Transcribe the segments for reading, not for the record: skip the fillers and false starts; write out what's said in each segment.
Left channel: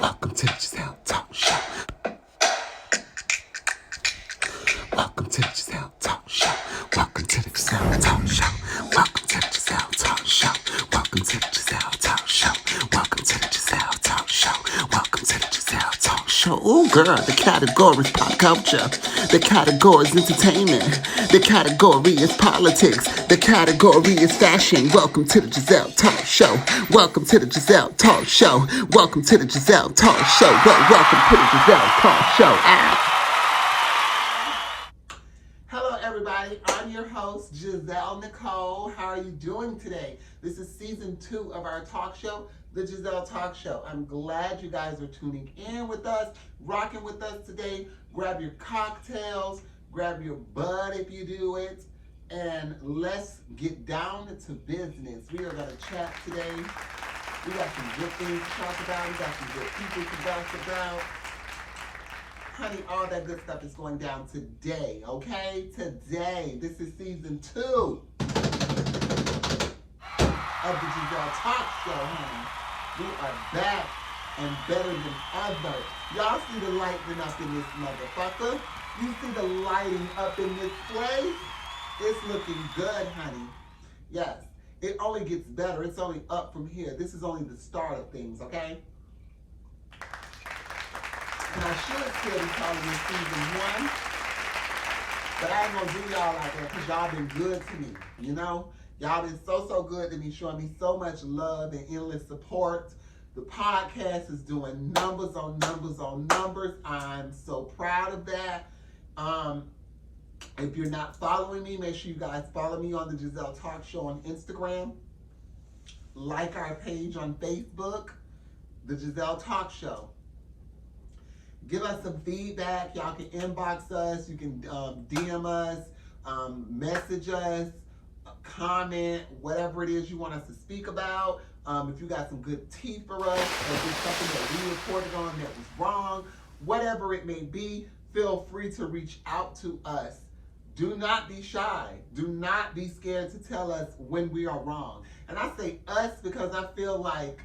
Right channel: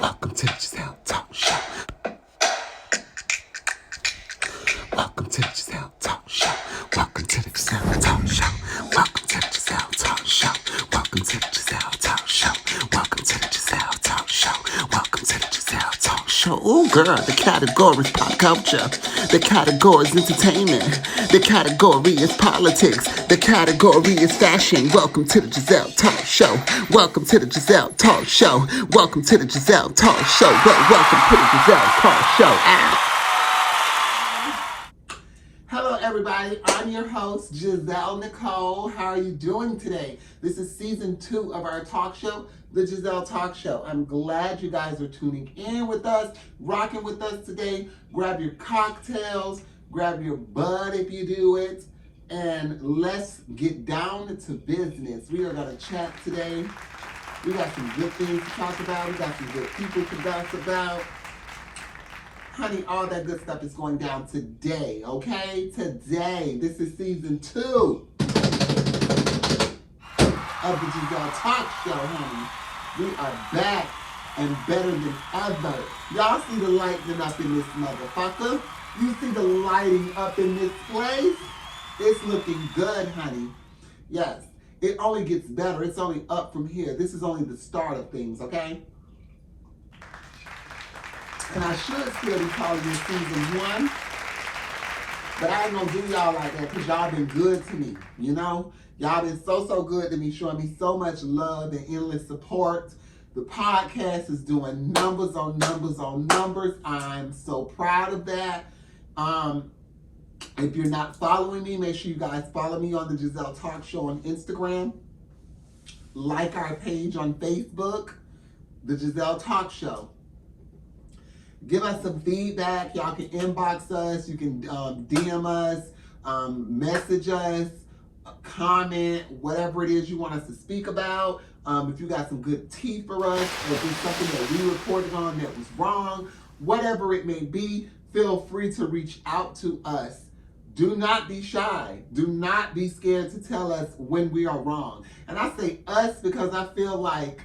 Welcome to the Gezelle Talk Show. Welcome to the Gezelle Talk Show. Welcome to the Gezelle Talk Show. Welcome to the Gezelle Talk Show. Welcome to the Gezelle Talk Show. Welcome to the Gezelle Talk Show. Welcome to the Gezelle Talk Show. Oh, girl, the category is pop culture. The category is entertainment. The category is politics. The category is fashion. Welcome to the Gezelle Talk Show. Welcome to the Gezelle Talk Show. Welcome to the Gezelle Talk Show. Welcome to the Gezelle Talk Show. Ow. Hello, everybody. I'm your host, Gezelle Nicole. How are you doing today? This is season 2 of our talk show, the Gezelle Talk Show. I'm glad you guys are tuning in with us, rocking with us today. Grab your cocktails, grab your bud if you do it, and let's get down to business. We are going to chat today. We got some good things to talk about. We got some good people to gossip about. Honey, all that good stuff is going down today, okay? Today. This is season 2 of the Gezelle Talk Show, honey. We are back and better than ever. Y'all see the lighting up in this motherfucker? You see the lighting up in this place? It's looking good, honey. Yes, it only gets better. It's only up from here. This is only the start of things, okay? And I should still be calling this season 1, but I ain't gonna do y'all like that because y'all been good to me, you know? Y'all been so good to me, showing me so much love and endless support. The podcast is doing numbers on numbers on numbers. I'm so proud of that. If you're not following me, make sure you guys follow me on the Gezelle Talk Show on Instagram. Like our page on Facebook, the Gezelle Talk Show. Give us some feedback. Y'all can inbox us. You can DM us, message us, comment, whatever it is you want us to speak about. If you got some good tea for us, or if there's something that we reported on that was wrong, whatever it may be, feel free to reach out to us. Do not be shy. Do not be scared to tell us when we are wrong. And I say us because I feel like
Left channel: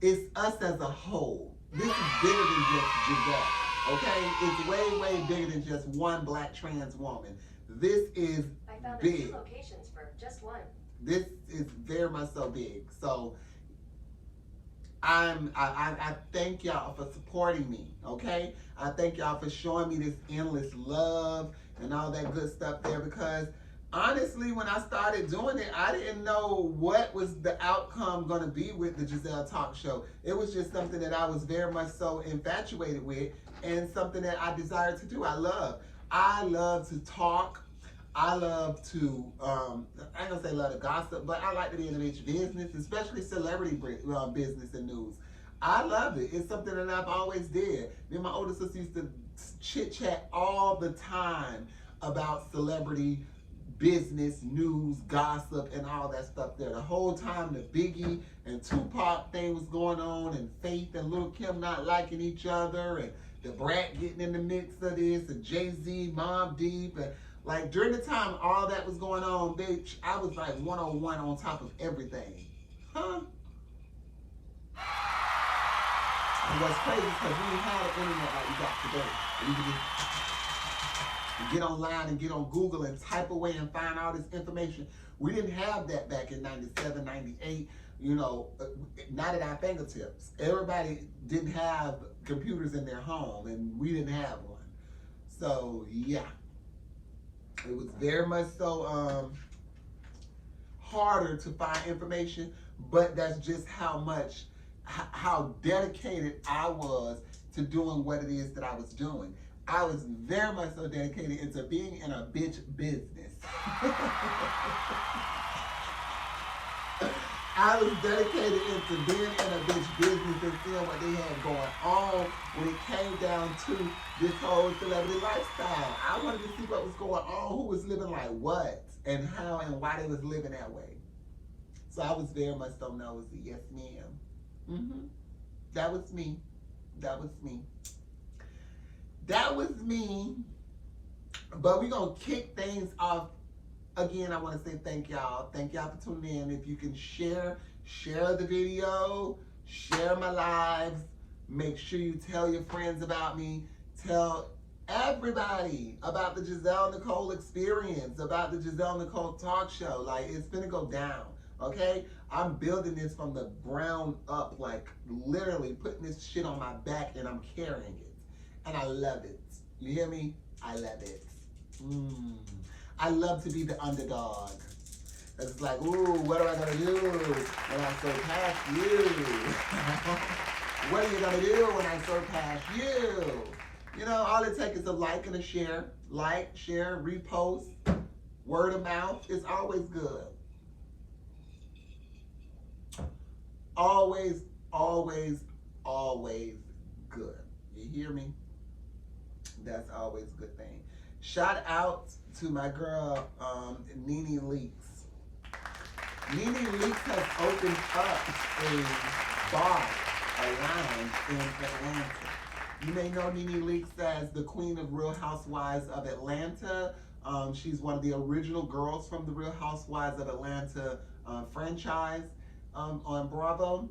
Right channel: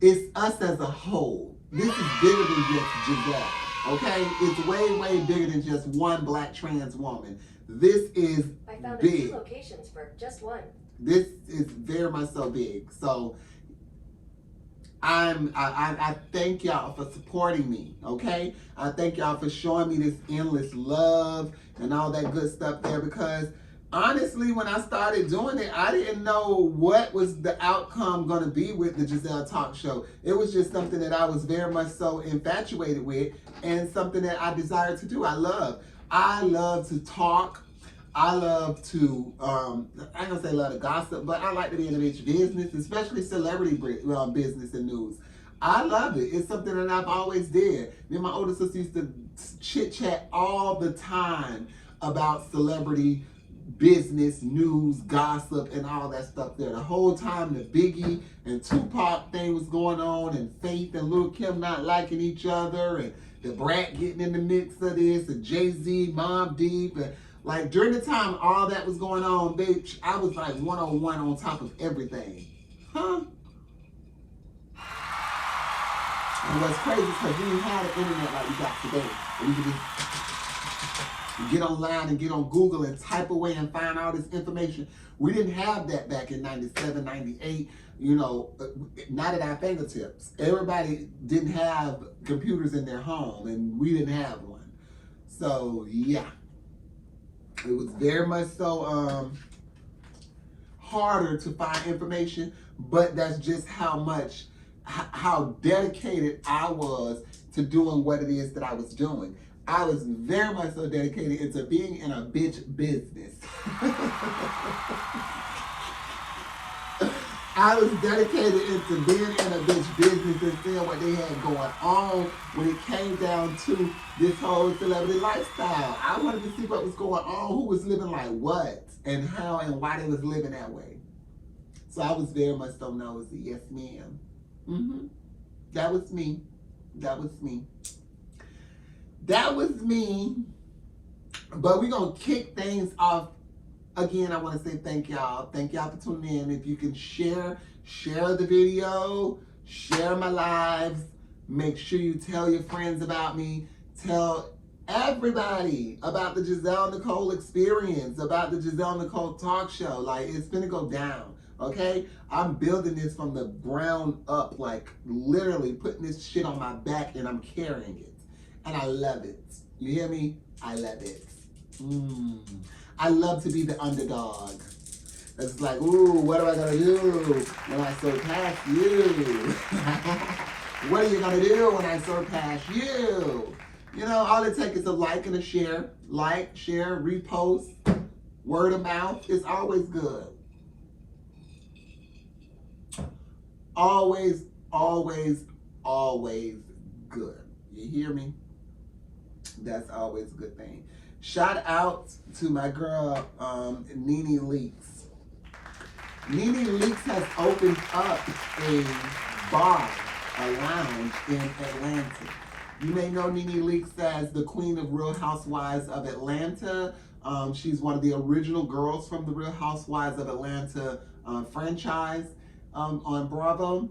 it's us as a whole. This is bigger than just Gezelle, okay? It's way bigger than just one black trans woman. This is I found big. 2 locations for just one. This is very much so big. So I thank y'all for supporting me, okay? I thank y'all for showing me this endless love and all that good stuff there, because honestly, when I started doing it, I didn't know what was the outcome going to be with the Gezelle Talk Show. It was just something that I was very much so infatuated with, and something that I desired to do. I love to talk. I love to, I ain't gonna say love to gossip, but I like to be in the bitch business, especially celebrity business and news. I love it. It's something that I've always did. Me and my older sister used to chit chat all the time about celebrity business, news, gossip, and all that stuff there. The whole time the Biggie and Tupac thing was going on, and Faith and Lil' Kim not liking each other, and the Brat getting in the mix of this, and Jay-Z, Mobb Deep, and like during the time all that was going on, bitch, I was like one-on-one on top of everything. Huh? And what's crazy is because we didn't have the internet like we got today. We could just get online and get on Google and type away and find all this information. We didn't have that back in 97, 98, you know, not at our fingertips. Everybody didn't have computers in their home, and we didn't have one. So, yeah. It was very much so harder to find information, but that's just how dedicated I was to doing what it is that I was doing. I was very much so dedicated into being in a bitch business. I was dedicated into being in a bitch business and seeing what they had going on when it came down to this whole celebrity lifestyle. I wanted to see what was going on, who was living like what, and how and why they was living that way. So I was very much so nosy. Yes, ma'am. That was me. That was me. That was me. But we're going to kick things off. Again, I want to say thank y'all. Thank y'all for tuning in. If you can share the video, share my lives, Make sure you tell your friends about me. Tell everybody about the Gezelle Nicole experience, about the Gezelle Nicole talk show. Like, it's gonna go down, okay? I'm building this from the ground up, like literally putting this shit on my back and I'm carrying it. And I love it. You hear me? I love it. I love to be the underdog. It's like, ooh, what am I gonna do when I surpass you? What are you gonna do when I surpass you? You know, all it takes is a like and a share. Like, share, repost, word of mouth. It's always good. Always, always, always good. You hear me? That's always a good thing. Shout out to my girl, Nene Leaks. Nene Leaks has opened up a bar, a lounge in Atlanta. You may know Nene Leaks as the queen of Real Housewives of Atlanta. She's one of the original girls from the Real Housewives of Atlanta franchise on Bravo.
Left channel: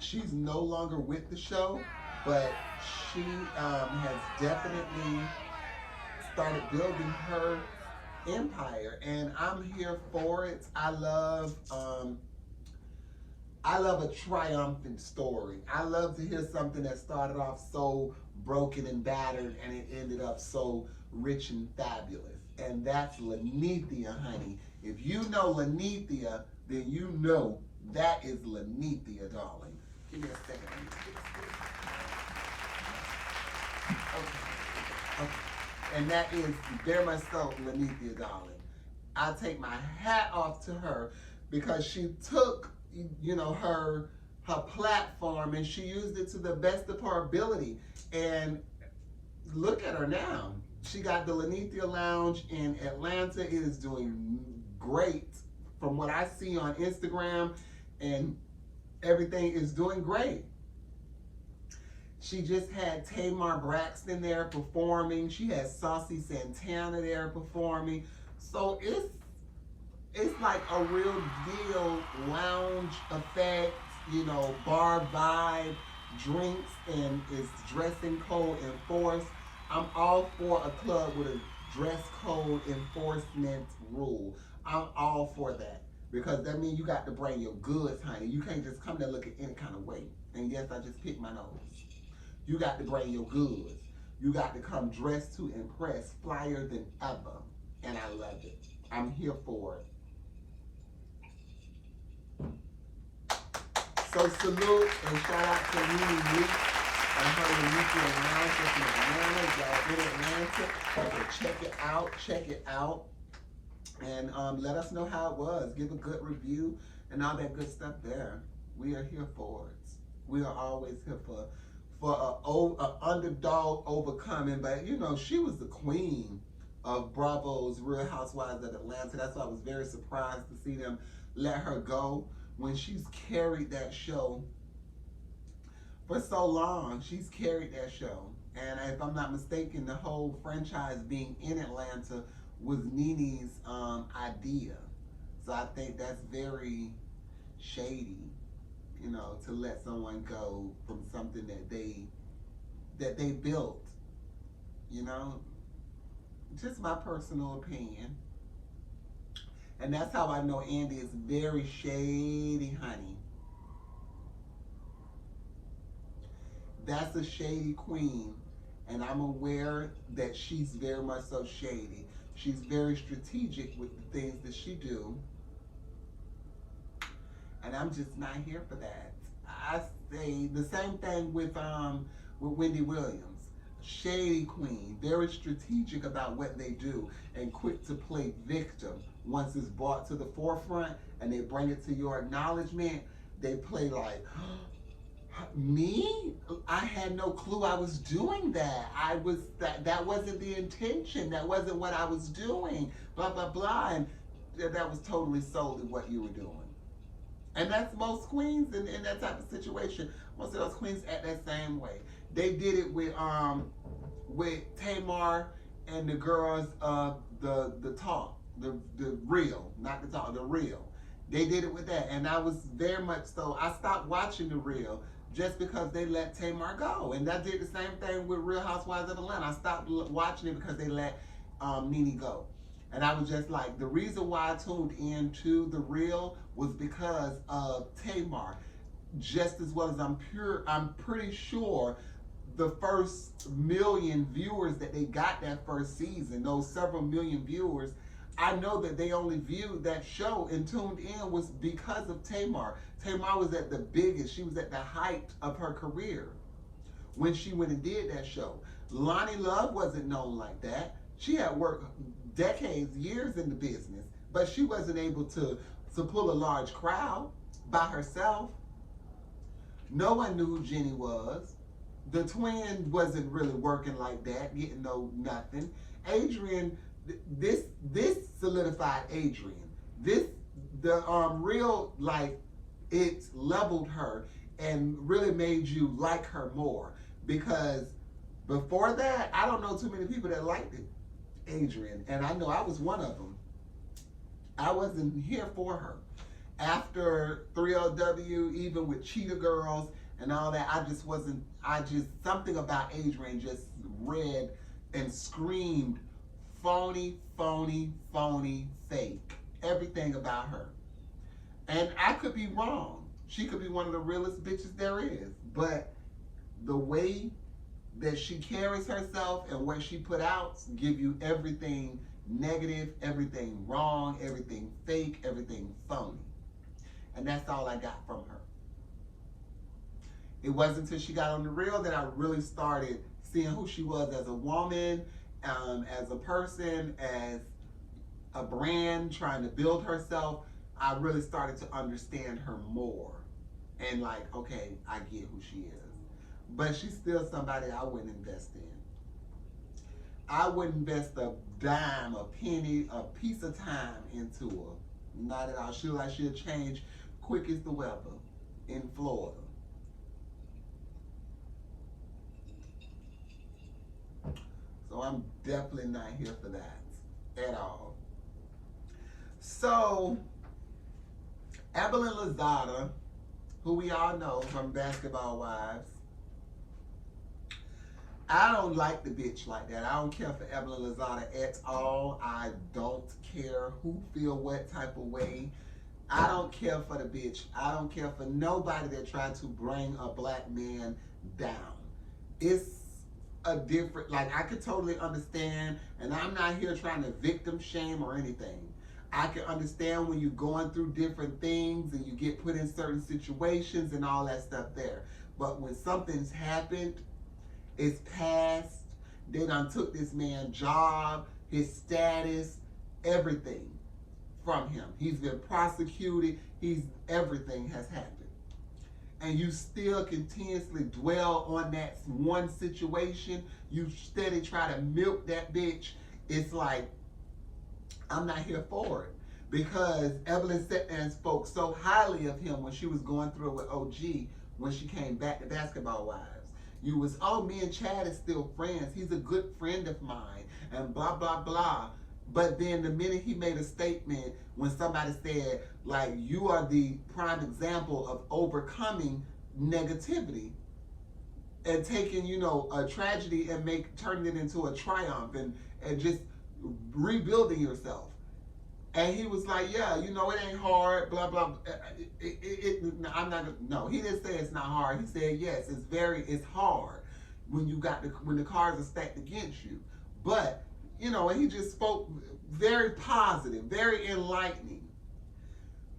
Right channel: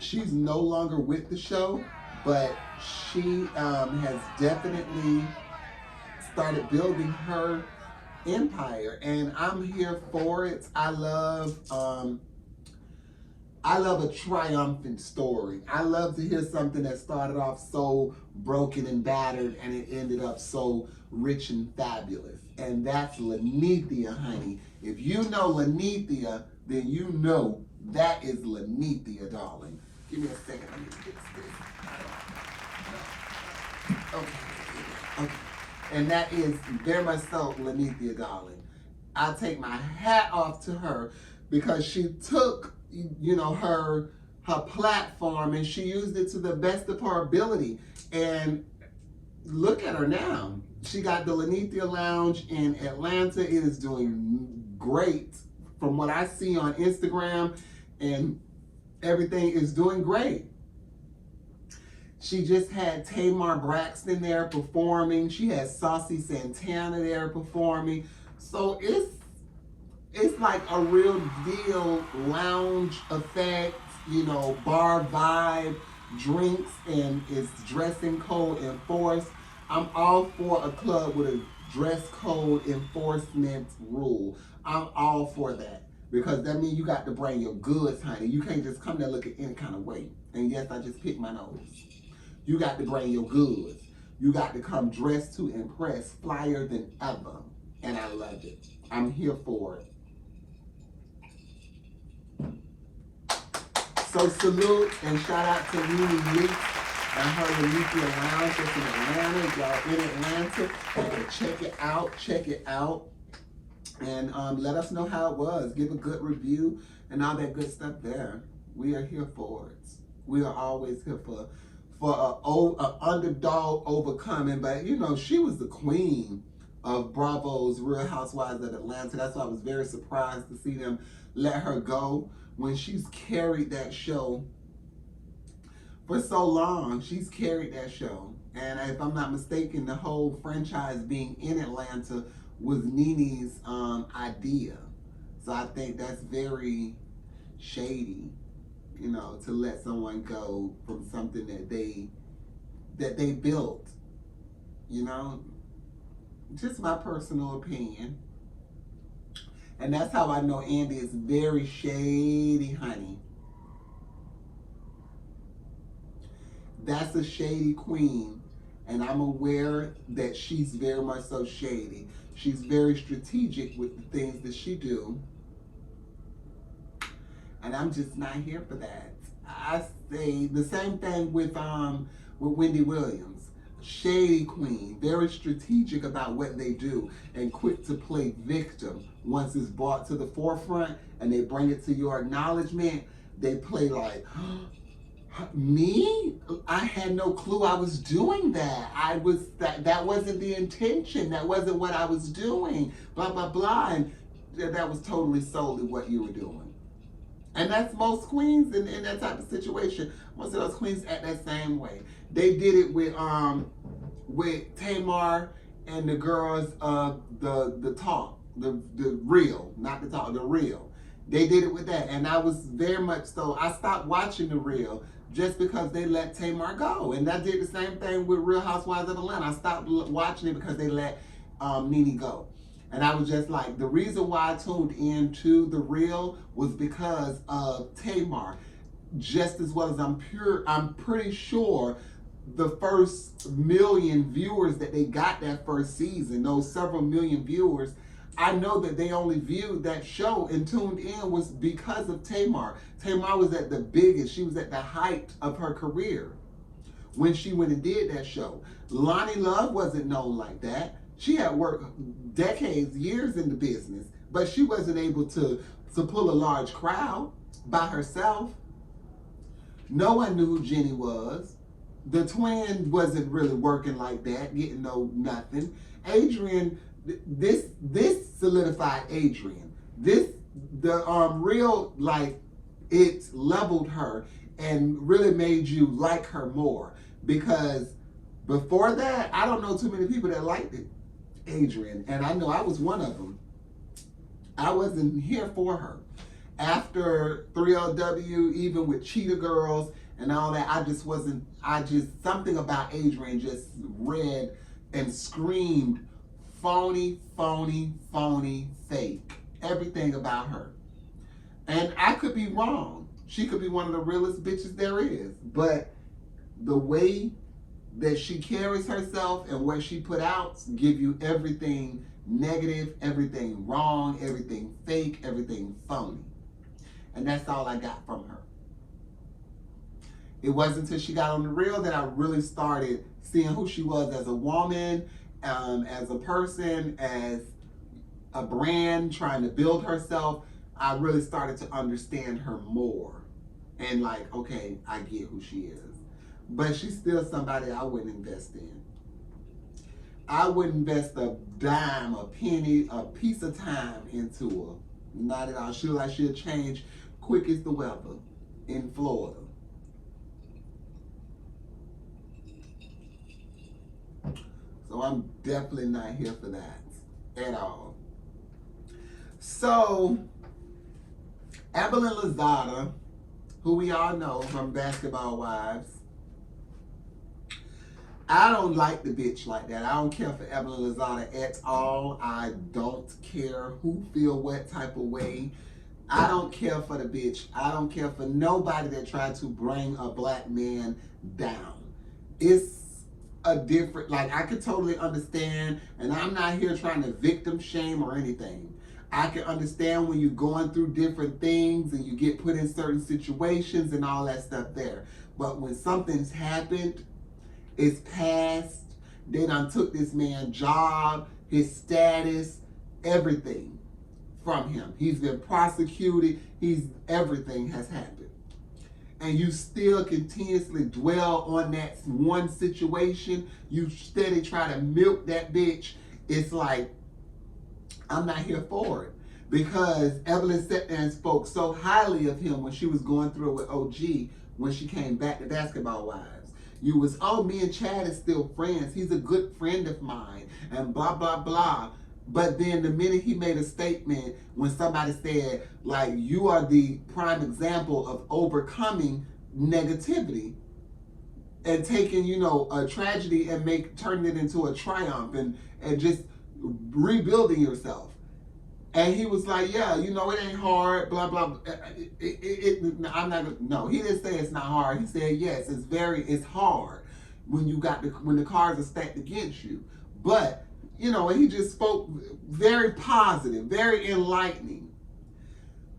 She's no longer with the show, but she has definitely started building her empire, and I'm here for it. I love a triumphant story. I love to hear something that started off so broken and battered and it ended up so rich and fabulous. And that's Lanithia, honey. If you know Lanithia, then you know that is Lanithia, darling. Give me a second. Let me fix this. Okay. Okay. And that is very much so Lanithia, darling. I take my hat off to her because she took, you know, her platform and she used it to the best of her ability. And look at her now. She got the Lanithia Lounge in Atlanta. It is doing great from what I see on Instagram, and everything is doing great. She just had Tamar Braxton there performing. She had Saucy Santana there performing. So it's like a real deal lounge effect, you know, bar vibe, drinks, and it's dressing code enforced. I'm all for a club with a dress code enforcement rule. I'm all for that because that means you got to bring your goods, honey. You can't just come there looking any kind of way. And yes, I just picked my nose. You got to bring your goods. You got to come dressed to impress, flyer than ever. And I love it. I'm here for it. So salute and shout out to Nene Leaks and her Lanithia Lounge that's in Atlanta. If y'all in Atlanta, check it out. Check it out. And let us know how it was. Give a good review and all that good stuff there. We are here for it. We are always here for a underdog overcoming. But you know, she was the queen of Bravo's Real Housewives of Atlanta. That's why I was very surprised to see them let her go when she's carried that show for so long. She's carried that show. And if I'm not mistaken, the whole franchise being in Atlanta was Nene's idea. So I think that's very shady, you know, to let someone go from something that they built, you know. Just my personal opinion. And that's how I know Andy is very shady, honey. That's a shady queen. And I'm aware that she's very much so shady. She's very strategic with the things that she do. And I'm just not here for that. I say the same thing with Wendy Williams. Shady queen, very strategic about what they do and quick to play victim. Once it's brought to the forefront and they bring it to your acknowledgement, they play like, me? I had no clue I was doing that. That wasn't the intention. That wasn't what I was doing. Blah, blah, blah. And that was totally solely what you were doing. And that's most queens in that type of situation. Most of those queens act that same way. They did it with Tamar and the girls of the talk, the real, not the talk, the real. They did it with that, and I was very much so. I stopped watching the real just because they let Tamar go. And I did the same thing with Real Housewives of Atlanta. I stopped watching it because they let Nene go. And I was just like, the reason why I tuned into The Real was because of Tamar. Just as well as I'm pretty sure the first million viewers that they got that first season, those several million viewers, I know that they only viewed that show and tuned in was because of Tamar. Tamar was at the biggest, she was at the height of her career when she went and did that show. Lonnie Love wasn't known like that. She had worked decades, years in the business, but she wasn't able to pull a large crowd by herself. No one knew who Jenny was. The twin wasn't really working like that, getting no nothing. Adrian, this solidified Adrian. The Real, like, it leveled her and really made you like her more, because before that, I don't know too many people that liked it, Adrian, and I know I was one of them. I wasn't here for her. After 3LW, even with Cheetah Girls and all that, something about Adrian just read and screamed phony, phony, phony, fake. Everything about her. And I could be wrong. She could be one of the realest bitches there is. But the way that she carries herself and what she put out give you everything negative, everything wrong, everything fake, everything phony. And that's all I got from her. It wasn't until she got on The Real that I really started seeing who she was as a woman, as a person, as a brand, trying to build herself. I really started to understand her more. And like, okay, I get who she is. But she's still somebody I wouldn't invest in. I wouldn't invest a dime, a penny, a piece of time into her. Not at all. She'll change quick as the weather in Florida. So I'm definitely not here for that at all. So, Evelyn Lozada, who we all know from Basketball Wives, I don't like the bitch like that. I don't care for Evelyn Lozada at all. I don't care who feel what type of way. I don't care for the bitch. I don't care for nobody that tried to bring a black man down. It's a different, like, I could totally understand, and I'm not here trying to victim shame or anything. I can understand when you're going through different things and you get put in certain situations and all that stuff there. But when something's happened, it's past, they done took this man's job, his status, everything from him. He's been prosecuted, everything has happened. And you still continuously dwell on that one situation, you steady try to milk that bitch. It's like, I'm not here for it. Because Evelyn sat there and spoke so highly of him when she was going through it with OG, when she came back to Basketball Wives. You was, oh, me and Chad is still friends. He's a good friend of mine, and blah, blah, blah. But then the minute he made a statement, when somebody said, like, you are the prime example of overcoming negativity and taking, you know, a tragedy and turning it into a triumph and just rebuilding yourself. And he was like, yeah, you know, it ain't hard, blah, blah. I'm not, no, he didn't say it's not hard. He said, yes, it's hard when the cards are stacked against you. But, you know, he just spoke very positive, very enlightening.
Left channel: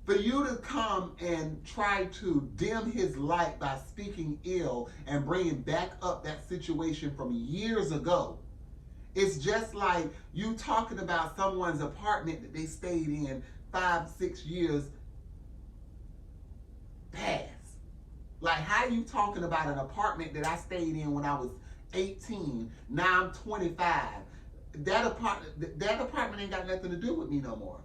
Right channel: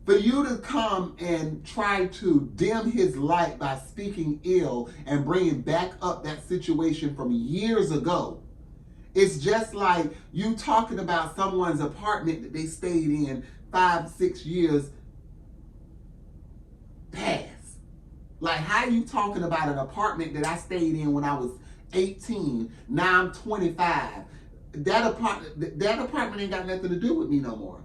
For you to come and try to dim his light by speaking ill and bringing back up that situation from years ago, it's just like you talking about someone's apartment that they stayed in 5-6 years past. Like, how you talking about an apartment that I stayed in when I was 18, now I'm 25. That apartment ain't got nothing to do with me no more.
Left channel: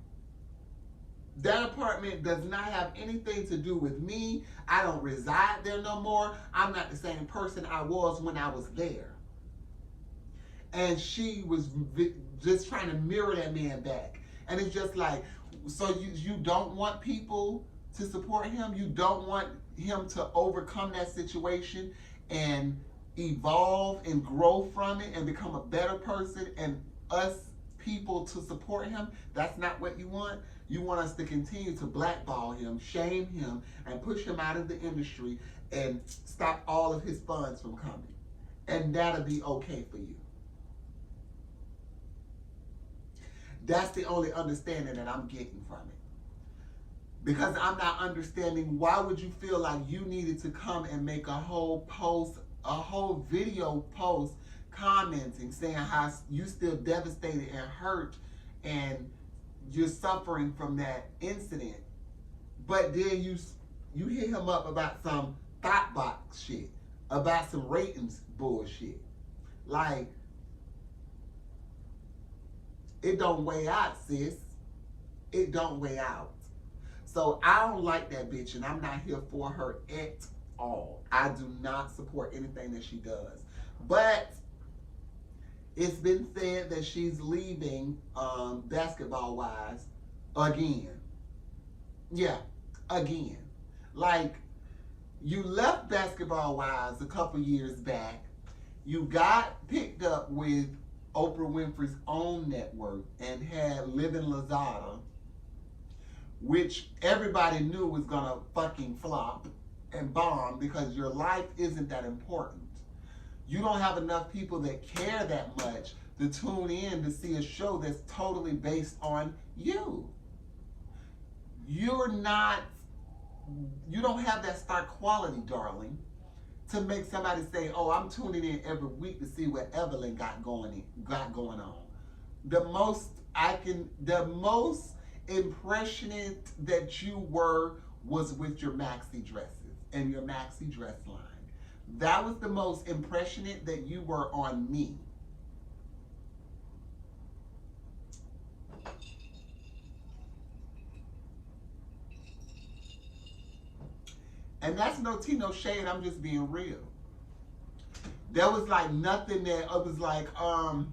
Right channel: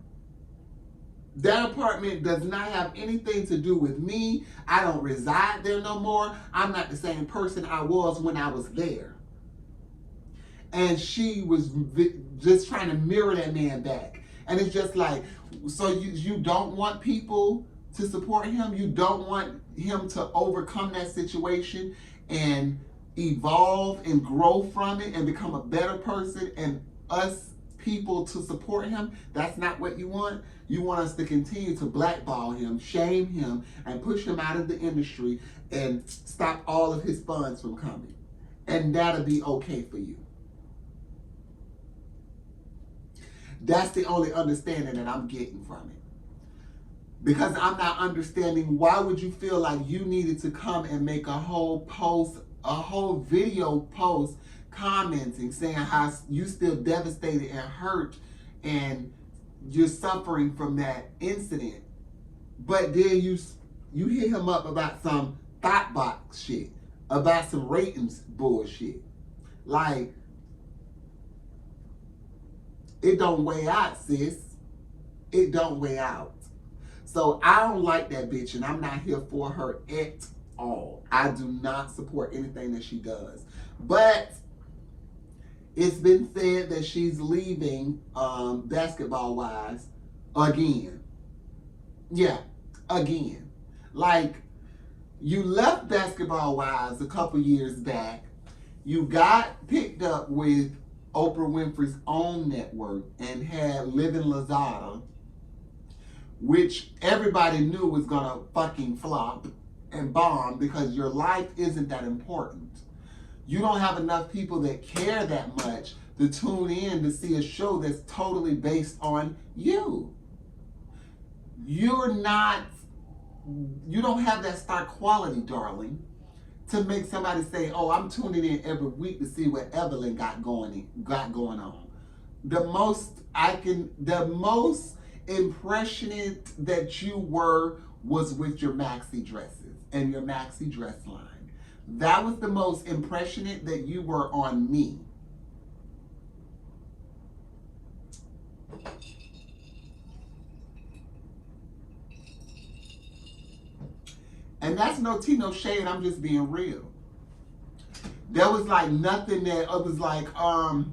That apartment does not have anything to do with me. I don't reside there no more. I'm not the same person I was when I was there. And she was just trying to mirror that man back. And it's just like, so you don't want people to support him. You don't want him to overcome that situation and evolve and grow from it and become a better person, and us people to support him. That's not what you want. You want us to continue to blackball him, shame him, and push him out of the industry and stop all of his funds from coming. And that'll be okay for you. That's the only understanding that I'm getting from it. Because I'm not understanding, why would you feel like you needed to come and make a whole post, a whole video post commenting, saying how you still devastated and hurt and you're suffering from that incident. But then you hit him up about some thought box shit, about some ratings bullshit. Like, it don't weigh out, sis. It don't weigh out. So I don't like that bitch, and I'm not here for her at all. I do not support anything that she does. But it's been said that she's leaving Basketball Wives again. Yeah, again. Like, you left Basketball Wives a couple years back. You got picked up with Oprah Winfrey's own network and had Living Lazada, which everybody knew was gonna fucking flop and bomb because your life isn't that important. You don't have enough people that care that much to tune in to see a show that's totally based on you. You don't have that star quality, darling, to make somebody say, oh, I'm tuning in every week to see what Evelyn got going on. The most impressionate that you were was with your maxi dresses and your maxi dress line. That was the most impressionate that you were on me. And that's no tea, no shade, I'm just being real. There was like nothing that, it was like, I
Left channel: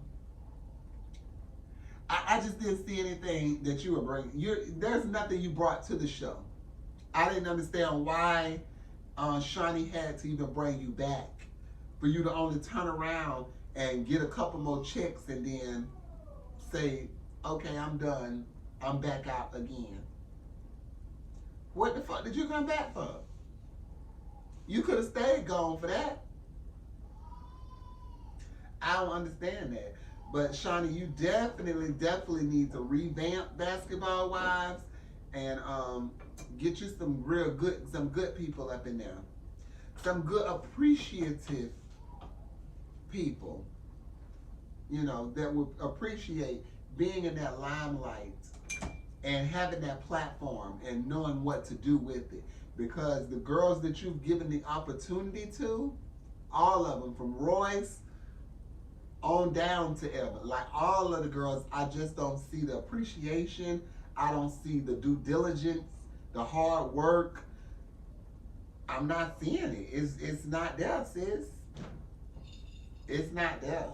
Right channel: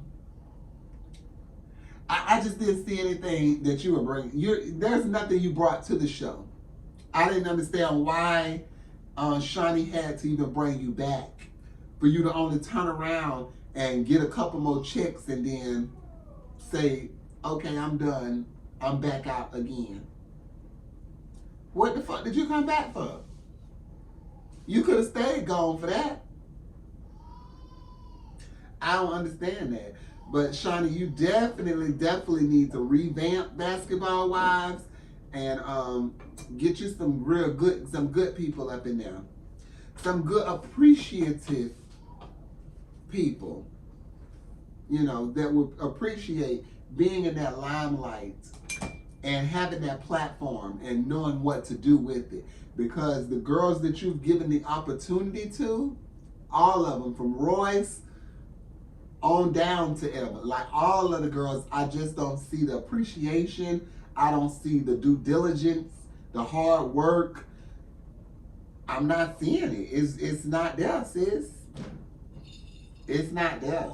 just didn't see anything that you were bringing. There's nothing you brought to the show. I didn't understand why Shani had to even bring you back. For you to only turn around and get a couple more checks and then say, okay, I'm done. I'm back out again. What the fuck did you come back for? You could have stayed gone for that. I don't understand that. But Shani, you definitely need to revamp Basketball Wives and get you some good people up in there. Some good appreciative people, you know, that would appreciate being in that limelight and having that platform and knowing what to do with it. Because the girls that you've given the opportunity to, all of them, from Royce on down to Eva, like all of the girls, I just don't see the appreciation. I don't see the due diligence, the hard work. I'm not seeing it. It's not there, sis. It's not there.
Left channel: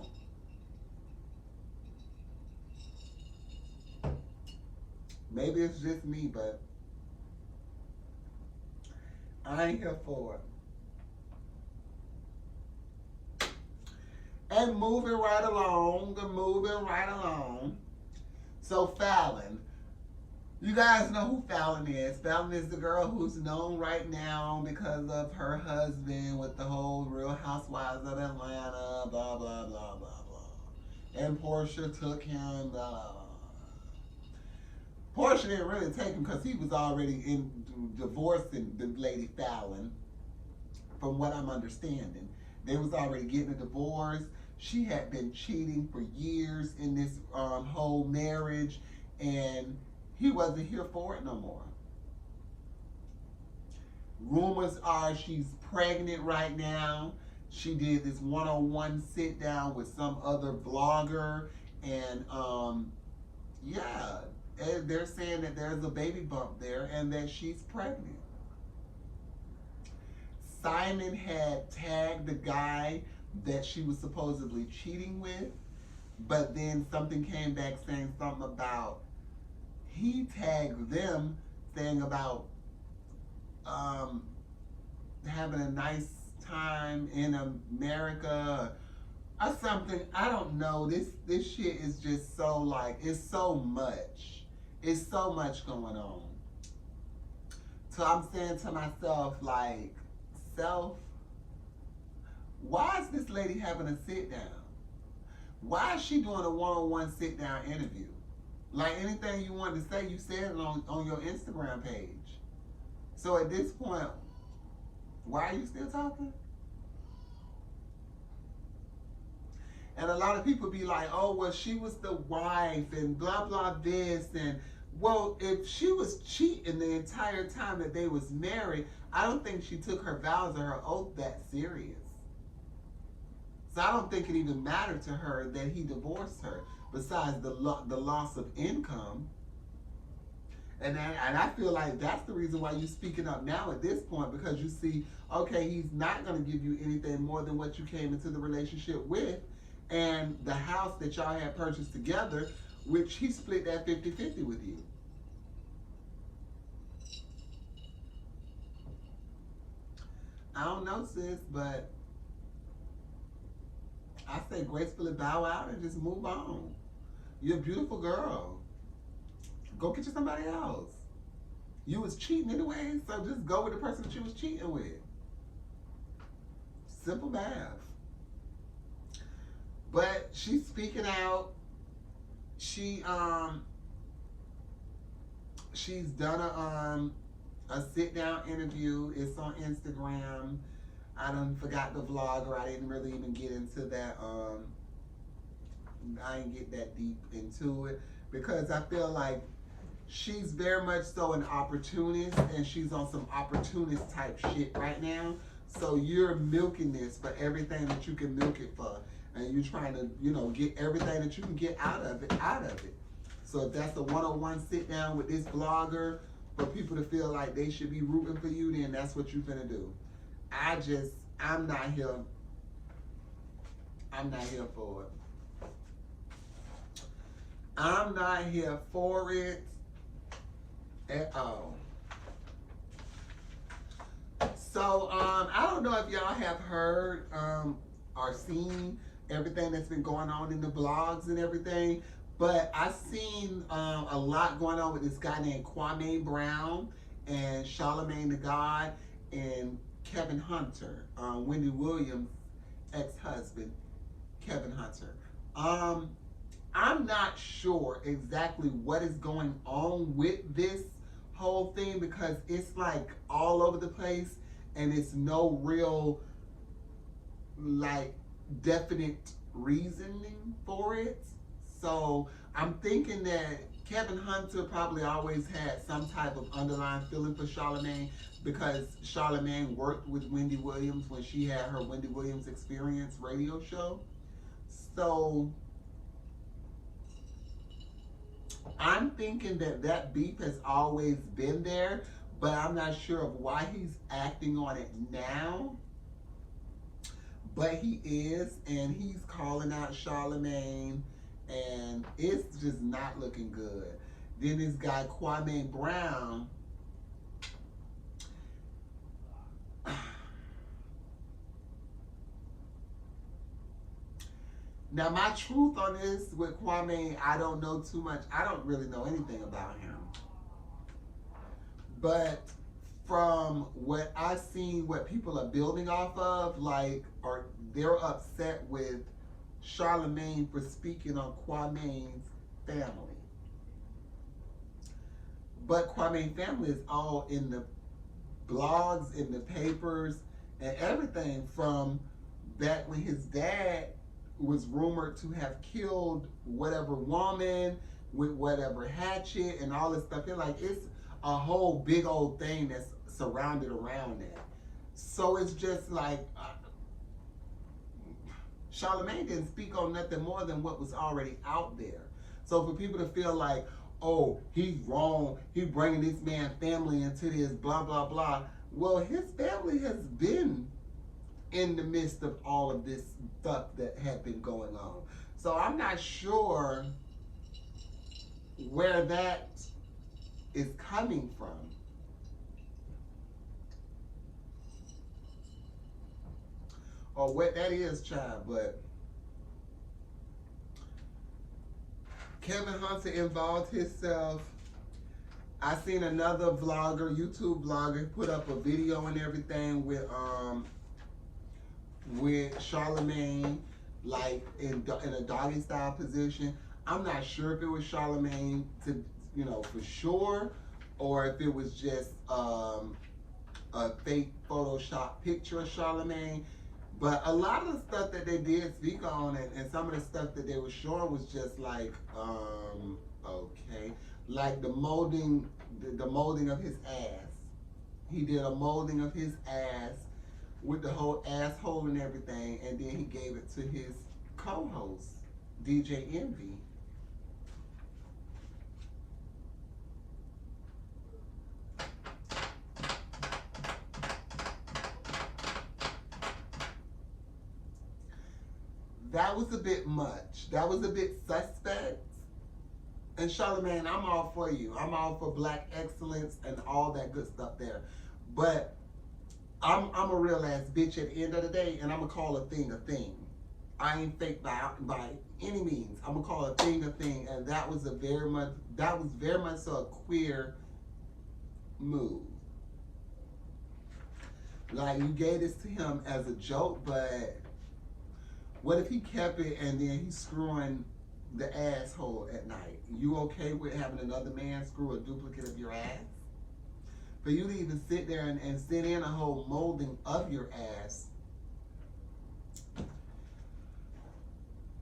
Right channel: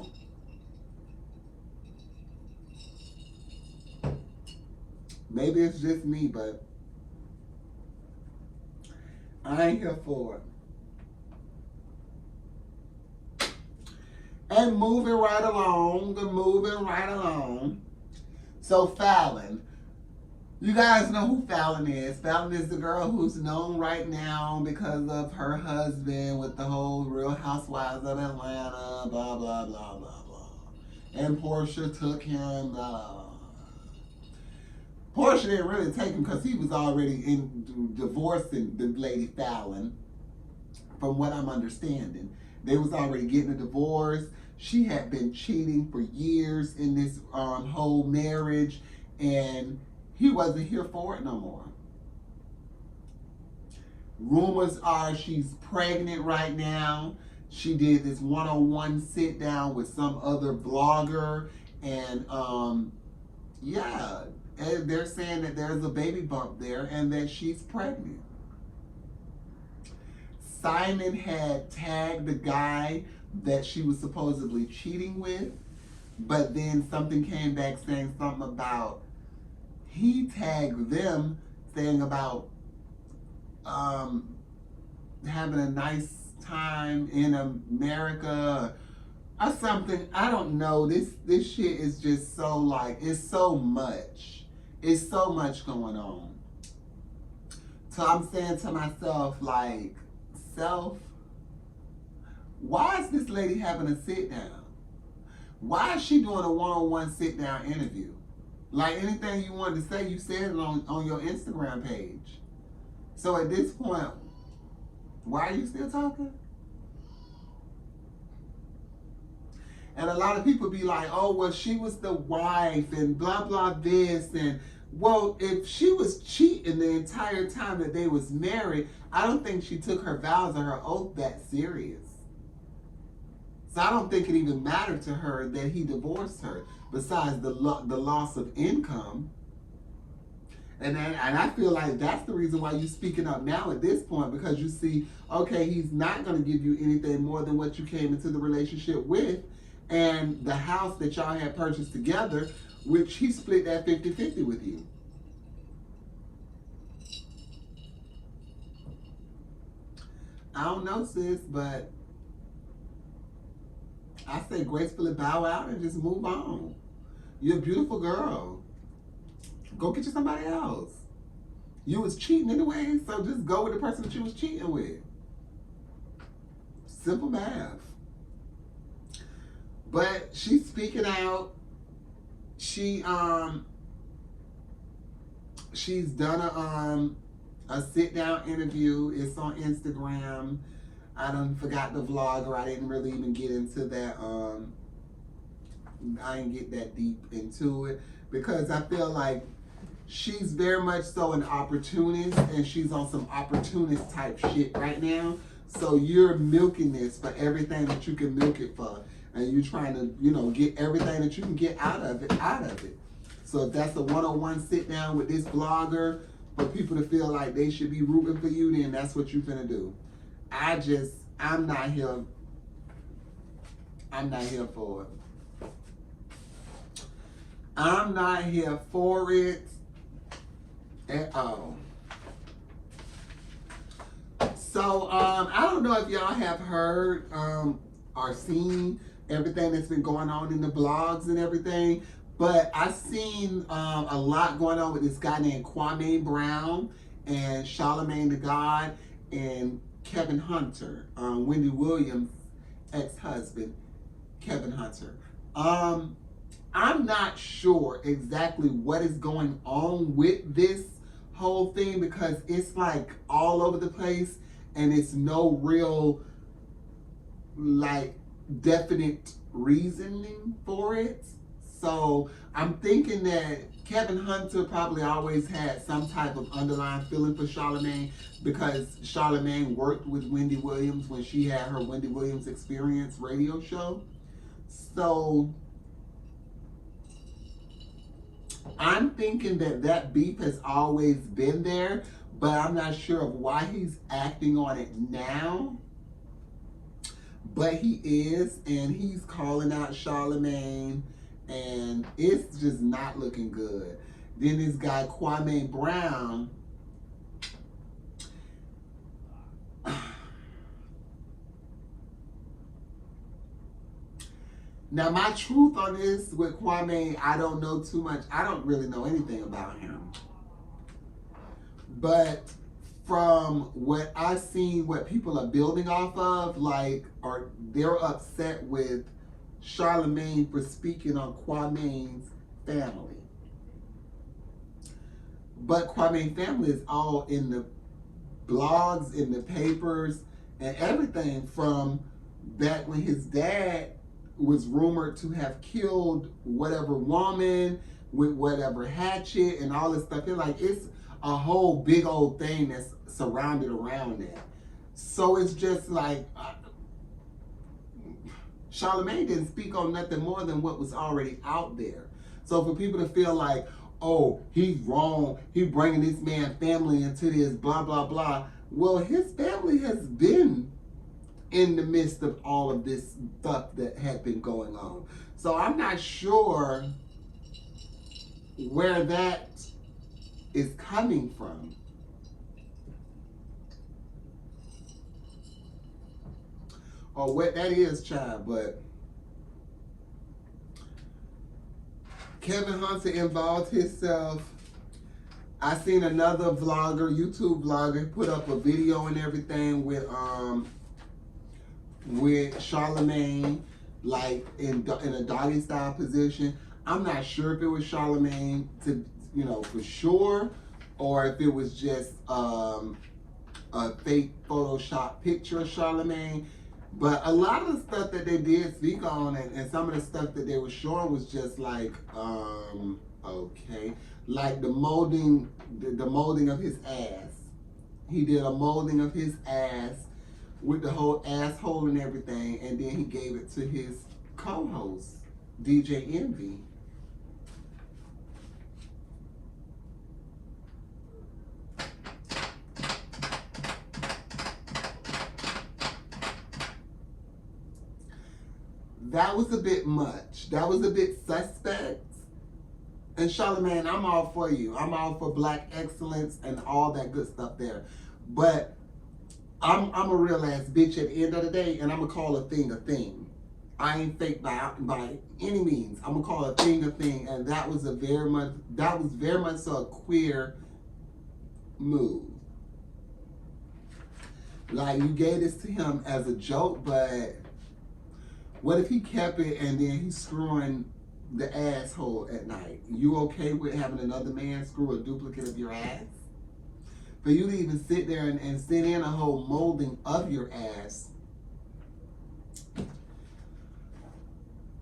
Maybe it's just me, but I ain't here for it. And moving right along. So Fallon, you guys know who Fallon is. Fallon is the girl who's known right now because of her husband with the whole Real Housewives of Atlanta, blah, blah, blah, blah, blah. And Portia took him, blah, blah, blah. Portia didn't really take him because he was already divorcing the lady Fallon, from what I'm understanding. They was already getting a divorce. She had been cheating for years in this whole marriage, and he wasn't here for it no more. Rumors are she's pregnant right now. She did this one-on-one sit down with some other blogger, and yeah, and they're saying that there's a baby bump there and that she's pregnant. Simon had tagged the guy that she was supposedly cheating with, but then something came back saying something about he tagged them, saying about um, having a nice time in America or something. I don't know. This shit is just so like, it's so much. It's so much going on. So I'm saying to myself, like, self, why is this lady having a sit down? Why is she doing a one-on-one sit down interview? Like anything you wanted to say, you said it on your Instagram page. So at this point, why are you still talking? And a lot of people be like, oh, well, she was the wife and blah, blah, this. And, well, if she was cheating the entire time that they was married, I don't think she took her vows or her oath that serious. So I don't think it even mattered to her that he divorced her, besides the loss of income. And I feel like that's the reason why you're speaking up now at this point, because you see, okay, he's not going to give you anything more than what you came into the relationship with. And the house that y'all had purchased together, which he split that 50-50 with you. I don't know, sis, but I say gracefully bow out and just move on. You're a beautiful girl. Go get you somebody else. You was cheating anyway, so just go with the person that you was cheating with. Simple math. But she's speaking out. She's done a sit down interview. It's on Instagram. I done forgot the vlogger. I didn't really even get into that. I didn't get that deep into it because I feel like she's very much so an opportunist, and she's on some opportunist type shit right now. So you're milking this for everything that you can milk it for. And you're trying to, get everything that you can get out of it. So if that's a one-on-one sit down with this blogger for people to feel like they should be rooting for you, then that's what you're gonna do. I'm not here for it. I'm not here for it at all. So I don't know if y'all have heard or seen everything that's been going on in the blogs and everything, but I've seen a lot going on with this guy named Kwame Brown and Charlamagne the God and Kevin Hunter, Wendy Williams' ex-husband, Kevin Hunter. I'm not sure exactly what is going on with this whole thing because it's like all over the place and it's no real like definite reasoning for it. So I'm thinking that Kevin Hunter probably always had some type of underlying feeling for Charlamagne because Charlamagne worked with Wendy Williams when she had her Wendy Williams Experience radio show. So I'm thinking that beef has always been there, but I'm not sure of why he's acting on it now. But he is, and he's calling out Charlamagne, and it's just not looking good. Then this guy, Kwame Brown, now my truth on this with Kwame, I don't know too much. I don't really know anything about him. But from what I've seen, what people are building off of, or they're upset with Charlamagne for speaking on Kwame's family. But Kwame's family is all in the blogs, in the papers, and everything from back when his dad was rumored to have killed whatever woman with whatever hatchet and all this stuff. It's a whole big old thing that's surrounded around that. So it's just like Charlamagne didn't speak on nothing more than what was already out there. So for people to feel like, oh, he's wrong, he's bringing this man's family into this, blah, blah, blah. Well, his family has been in the midst of all of this stuff that had been going on. So I'm not sure where that is coming from. or what that is, child. But Kevin Hunter involved himself. I seen another vlogger, YouTube vlogger, put up a video and everything with Charlemagne, like in a doggy style position. I'm not sure if it was Charlemagne to, for sure, or if it was just a fake Photoshop picture of Charlemagne. But a lot of the stuff that they did speak on, and some of the stuff that they were showing was just like, okay, like the molding of his ass. He did a molding of his ass with the whole asshole and everything, and then he gave it to his co-host, DJ Envy. That was a bit much. That was a bit suspect. And Charlemagne, I'm all for you. I'm all for black excellence and all that good stuff there. But I'm a real ass bitch at the end of the day, and I'm gonna call a thing a thing. I ain't fake by any means. I'm gonna call a thing, and that was very much so a queer move. Like, you gave this to him as a joke, but what if he kept it and then he's screwing the asshole at night? You okay with having another man screw a duplicate of your ass? For you to even sit there and sit in a whole molding of your ass.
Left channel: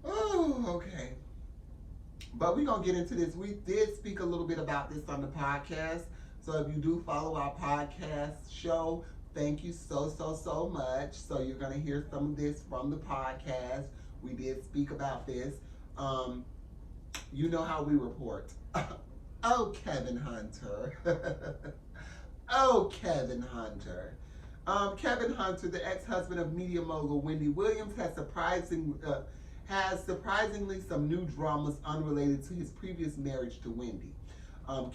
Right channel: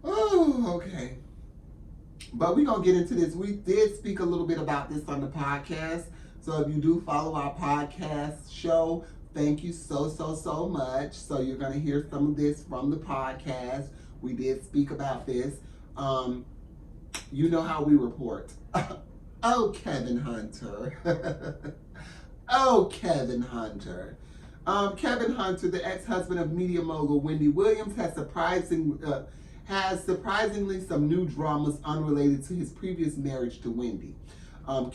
Oh, okay. But we're going to get into this. We did speak a little bit about this on the podcast. So if you do follow our podcast show, thank you so much. So you're going to hear some of this from the podcast. We did speak about this. You know how we report. Oh, Kevin Hunter. Oh, Kevin Hunter. Kevin Hunter, the ex-husband of media mogul Wendy Williams, has surprisingly some new dramas unrelated to his previous marriage to Wendy.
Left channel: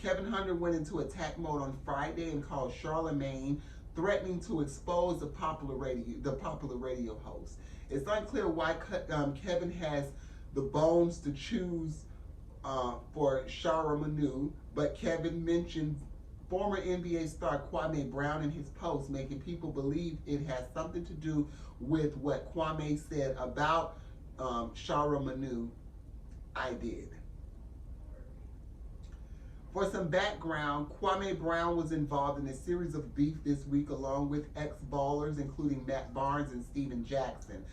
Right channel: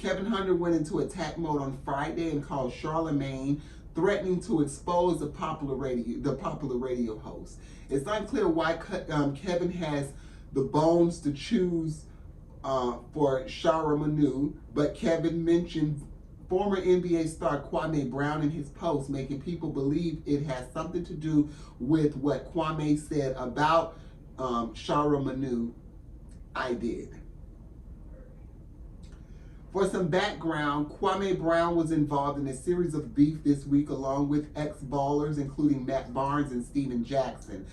Kevin Hunter went into attack mode on Friday and called Charlemagne, threatening to expose the popular radio host. It's unclear why Kevin has the bones to choose for Shara Manu, but Kevin mentioned former NBA star Kwame Brown in his post, making people believe it has something to do with what Kwame said about Shara Manu. I did. For some background, Kwame Brown was involved in a series of beef this week along with ex-ballers including Matt Barnes and Steven Jackson.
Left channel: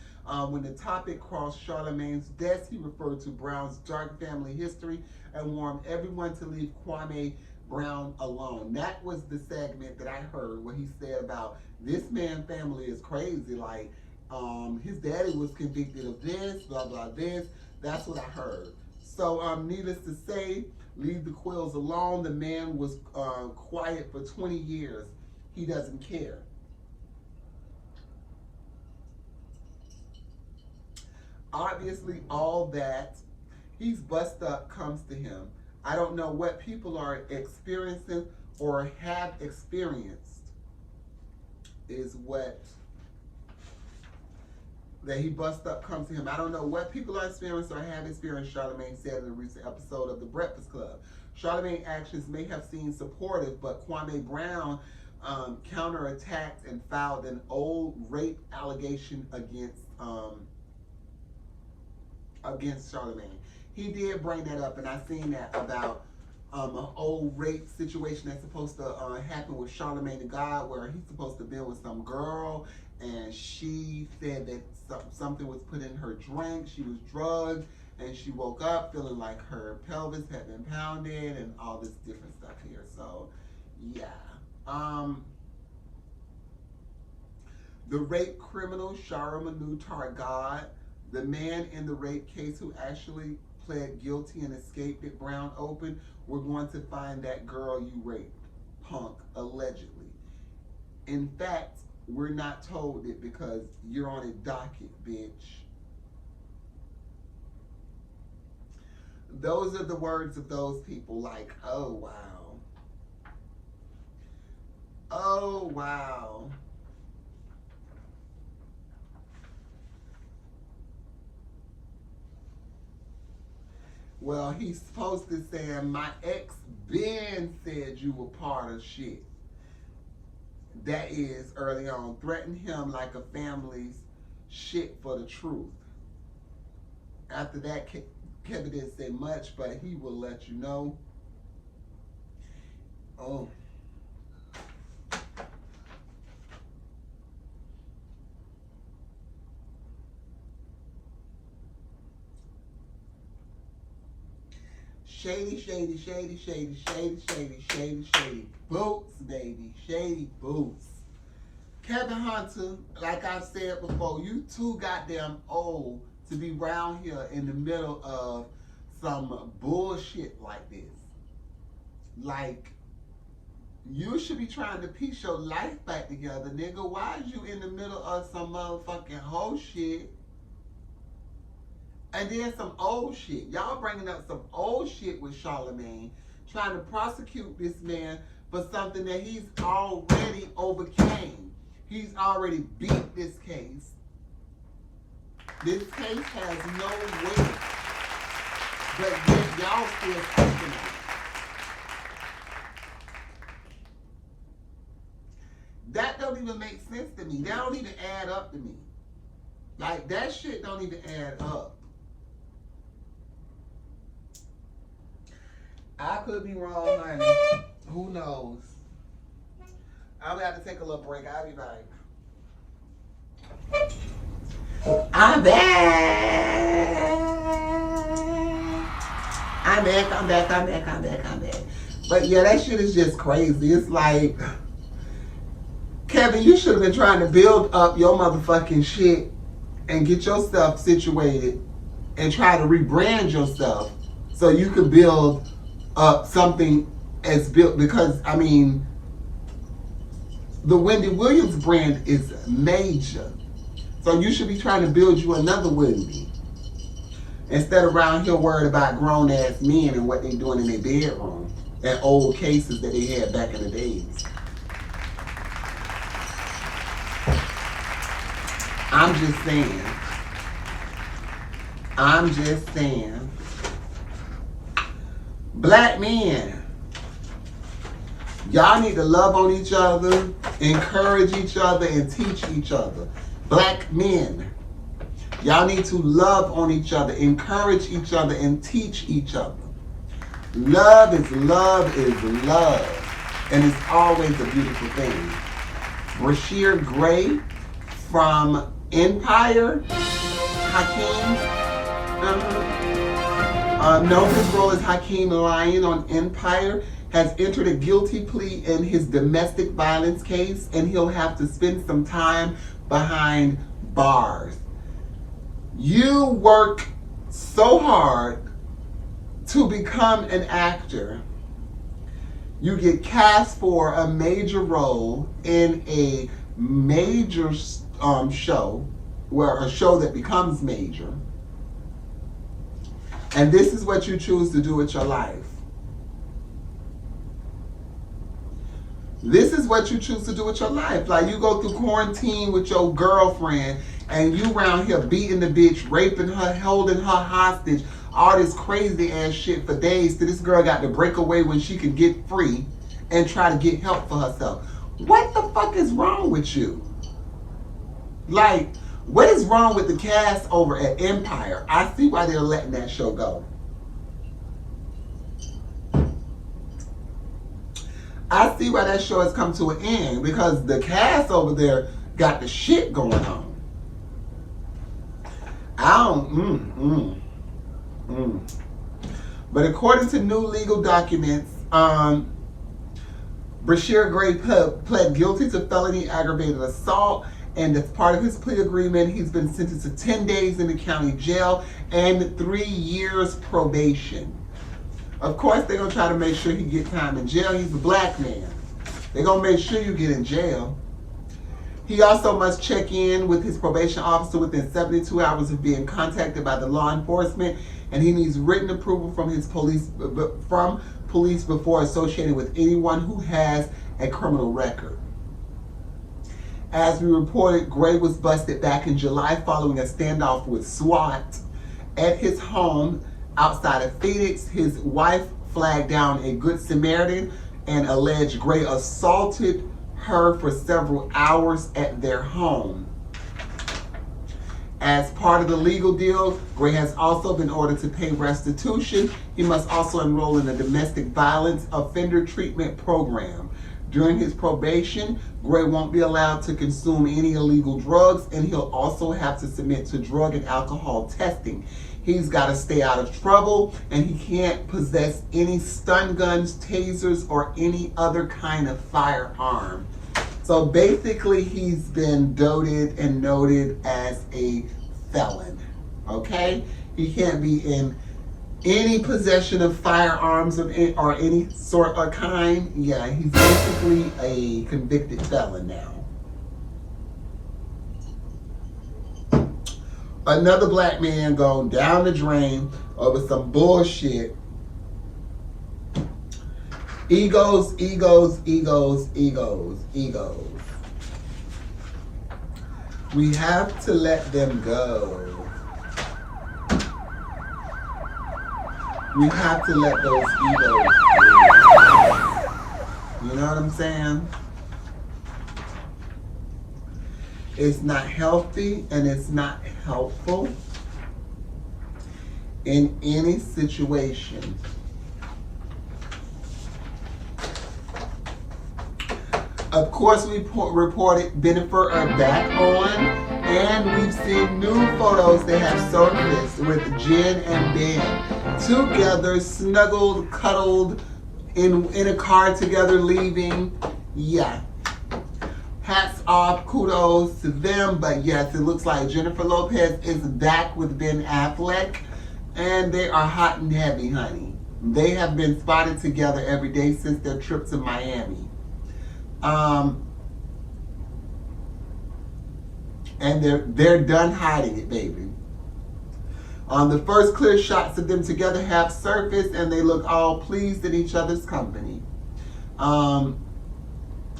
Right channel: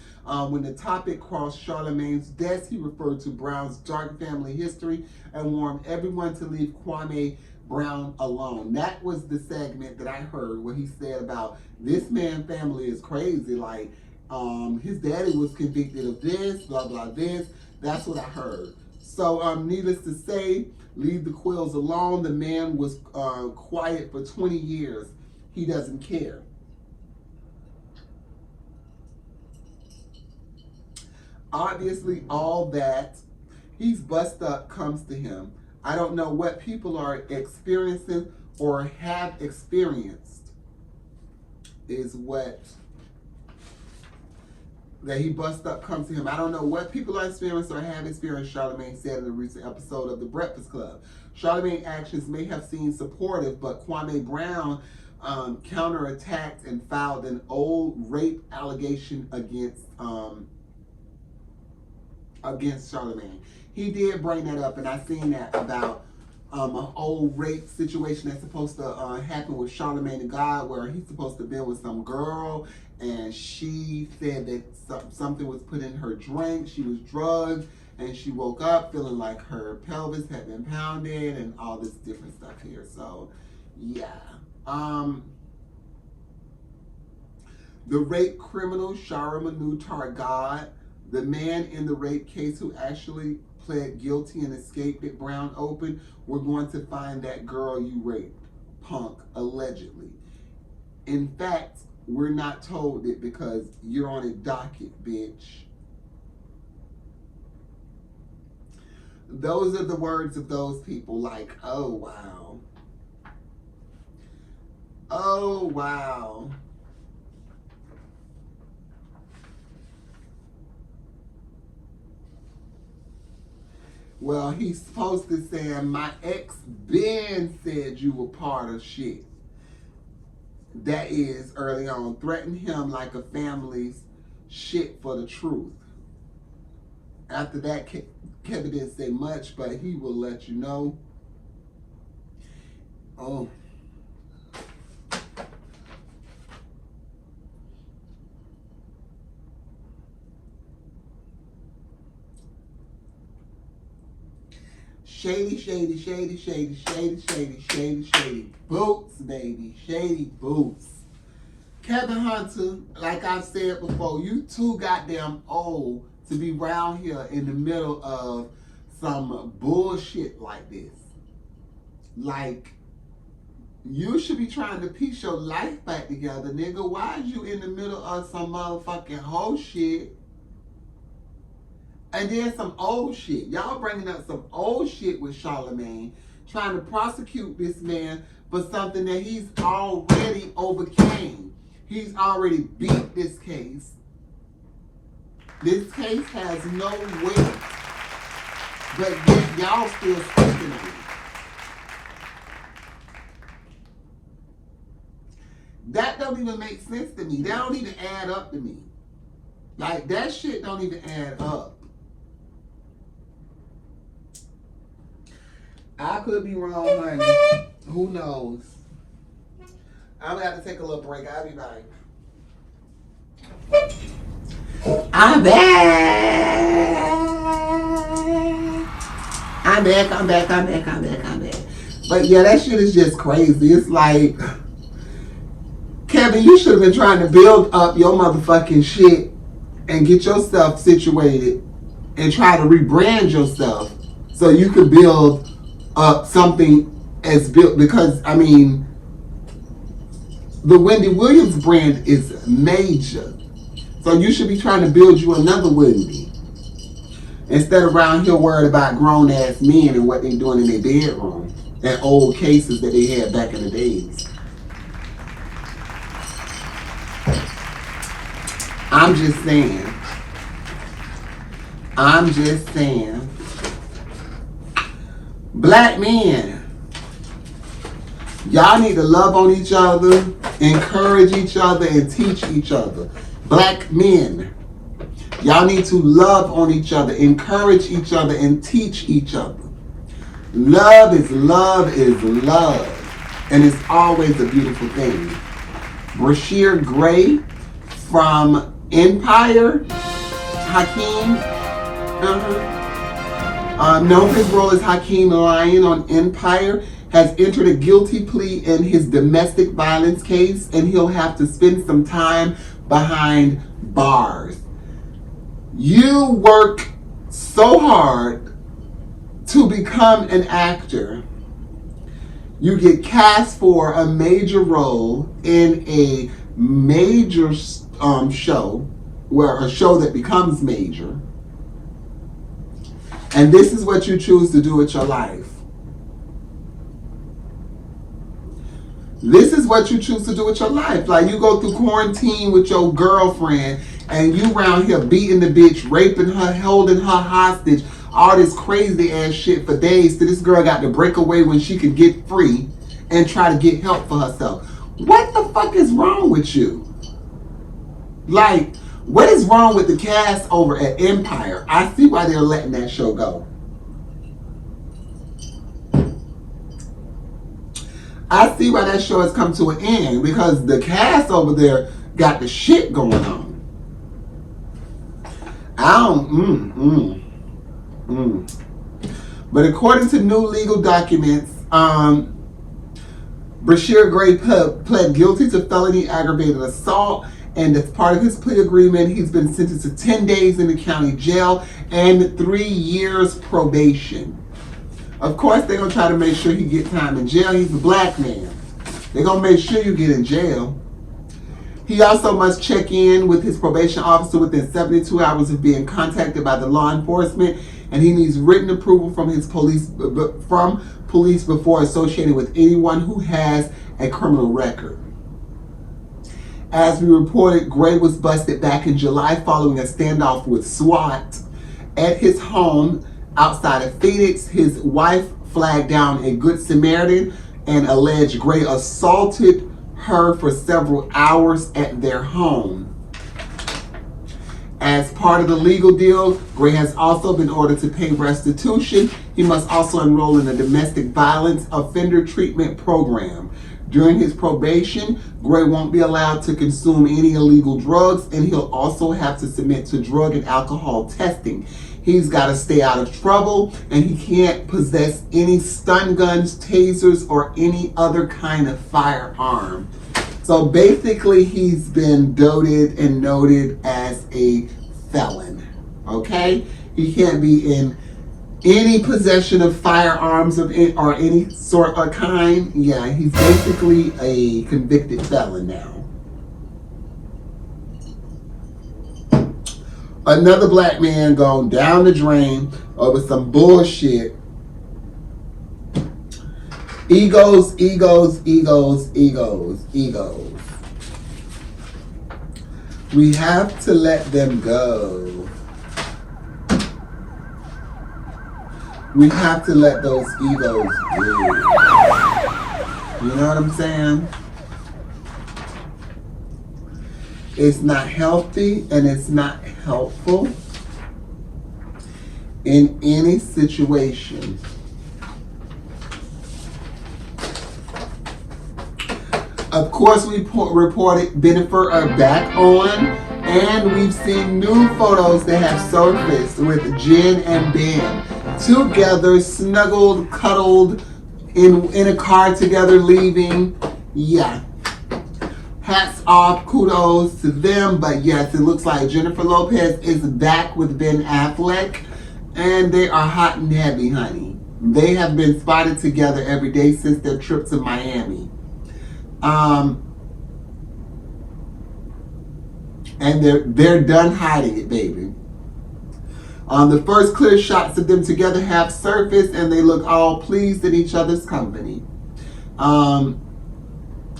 When the topic crossed Charlemagne's desk, he referred to Brown's dark family history and warned everyone to leave Kwame Brown alone. That was the segment that I heard where he said about this man's family is crazy. Like, his daddy was convicted of this, blah, blah, this. That's what I heard. So, needless to say, leave the Quills alone. The man was quiet for 20 years. He doesn't care. Obviously, all that he's bust up comes to him. I don't know what people are experiencing or have experienced is what that he bust up comes to him. I don't know what people are experiencing or have experienced, Charlemagne said in a recent episode of The Breakfast Club. Charlemagne's actions may have seemed supportive, but Kwame Brown counterattacked and filed an old rape allegation against Charlemagne. He did bring that up, and I seen that about an old rape situation that's supposed to happen with Charlemagne the God, where he's supposed to be with some girl, and she said that something was put in her drink. She was drugged, and she woke up feeling like her pelvis had been pounded, and all this different stuff here. So, yeah. The rape criminal Shara Manu Targad, the man in the rape case who actually pled guilty and escaped at Brown Open, we're going to find that girl you raped, punk, allegedly. In fact, we're not told it because you're on a docket, bitch. Those are the words of those people, like, oh, wow. Oh, wow. Well, he's supposed to say, my ex Ben said you were part of shit. That is, early on, threatened him like a family's shit for the truth. After that, Kevin didn't say much, but he will let you know. Oh. Shady, shady, shady, shady, shady, shady, shady, shady boots, baby. Shady boots. Kevin Hunter, like I said before, you too goddamn old to be around here in the middle of some bullshit like this. Like, you should be trying to piece your life back together, nigga. Why is you in the middle of some motherfucking whole shit? And then some old shit. Y'all bringing up some old shit with Charlemagne, trying to prosecute this man for something that he's already overcame. He's already beat this case. This case has no weight. But yet y'all still speaking of it. That don't even make sense to me. That don't even add up to me. Like, that shit don't even add up. I could be wrong, honey. Who knows? I'm gonna have to take a little break. I'll be back. I'm back. But yeah, that shit is just crazy. It's like, Kevin, you should have been trying to build up your motherfucking shit and get yourself situated and try to rebrand yourself so you could build up something as built, because I mean, the Wendy Williams brand is major. So you should be trying to build you another Wendy. Instead of around here worried about grown ass men and what they're doing in their bedroom and old cases that they had back in the days. I'm just saying. Black men, y'all need to love on each other, encourage each other, and teach each other. Black men, y'all need to love on each other, encourage each other, and teach each other. Love is love is love, and it's always a beautiful thing. Brashear Gray from Empire, Hakeem, known for his role as Hakeem Lyon on Empire, has entered a guilty plea in his domestic violence case, and he'll have to spend some time behind bars. You work so hard to become an actor. You get cast for a major role in a major show, where a show that becomes major. And this is what you choose to do with your life. This is what you choose to do with your life. Like, you go through quarantine with your girlfriend and you around here beating the bitch, raping her, holding her hostage, all this crazy ass shit for days till this girl got to break away when she could get free and try to get help for herself. What the fuck is wrong with you? Like, what is wrong with the cast over at Empire? I see why they're letting that show go. I see why that show has come to an end, because the cast over there got the shit going on. But according to new legal documents, Brashear Gray pled guilty to felony aggravated assault, and as part of his plea agreement, he's been sentenced to 10 days in the county jail and 3 years probation. Of course, they're going to try to make sure he get time in jail. He's a black man. They're going to make sure you get in jail. He also must check in with his probation officer within 72 hours of being contacted by the law enforcement, and he needs written approval from police before associating with anyone who has a criminal record. As we reported, Gray was busted back in July following a standoff with SWAT at his home outside of Phoenix. His wife flagged down a Good Samaritan and alleged Gray assaulted her for several hours at their home. As part of the legal deal, Gray has also been ordered to pay restitution. He must also enroll in a domestic violence offender treatment program. During his probation, Gray won't be allowed to consume any illegal drugs, and he'll also have to submit to drug and alcohol testing. He's got to stay out of trouble, and he can't possess any stun guns, tasers, or any other kind of firearm. So basically, he's been doted and noted as a felon, okay? He can't be in any possession of firearms of it or any sort or kind. Yeah, he's basically a convicted felon now. Another black man gone down the drain over some bullshit. Egos, egos, egos, egos, egos. We have to let them go. We have to let those egos go. You know what I'm saying? It's not healthy and it's not helpful in any situation. Of course, we reported Bennifer are back on, and we've seen new photos that have surfaced with Jen and Ben together, snuggled, cuddled, in a car together, leaving. Yeah. Hats off, kudos to them, but yes, it looks like Jennifer Lopez is back with Ben Affleck, and they are hot and heavy, honey. They have been spotted together every day since their trip to Miami. And they're done hiding it, baby. The first clear shots of them together have surfaced, and they look all pleased in each other's company.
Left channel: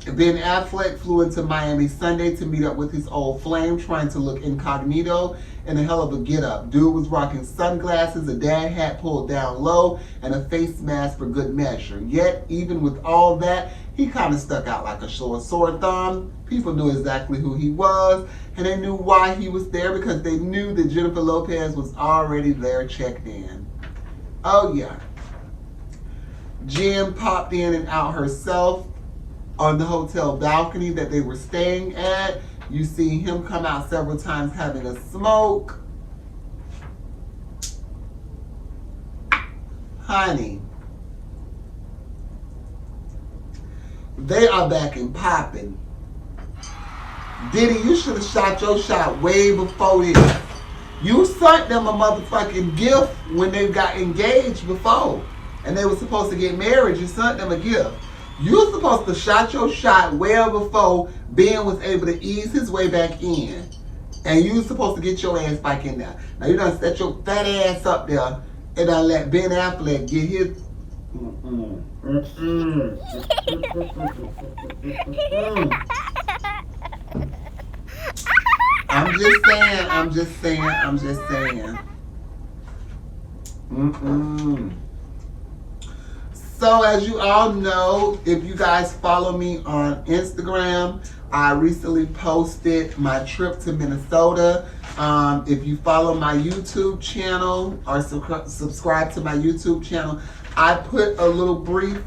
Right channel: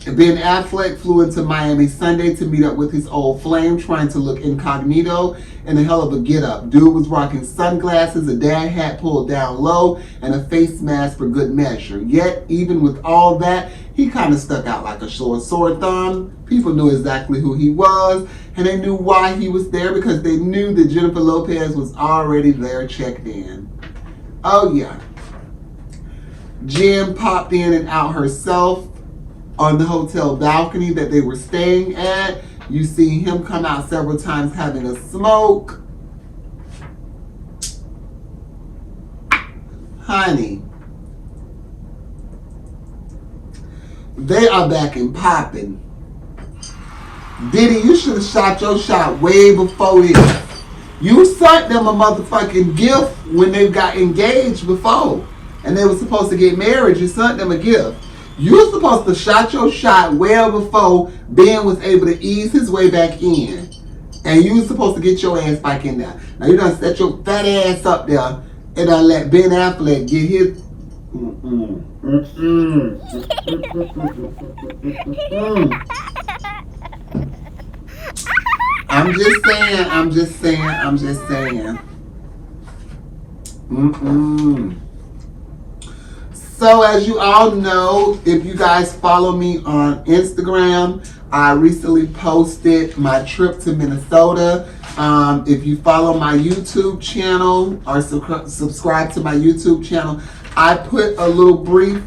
Ben Affleck flew into Miami Sunday to meet up with his old flame, trying to look incognito and a hell of a get-up. Dude was rocking sunglasses, a dad hat pulled down low, and a face mask for good measure. Yet, even with all that, he kind of stuck out like a sore thumb. People knew exactly who he was, and they knew why he was there, because they knew that Jennifer Lopez was already there, checked in. Oh yeah. Jen popped in and out herself on the hotel balcony that they were staying at. You see him come out several times having a smoke. Honey, they are back and popping. Diddy, you should have shot your shot way before this. You sent them a motherfucking gift when they got engaged before, and they were supposed to get married. You sent them a gift. You're supposed to shot your shot well before Ben was able to ease his way back in. And you were supposed to get your ass back in there. Now you done set your fat ass up there and done let Ben Affleck get his... I'm just saying. So as you all know, if you guys follow me on Instagram, I recently posted my trip to Minnesota. If you follow my YouTube channel or subscribe to my YouTube channel, I put a little brief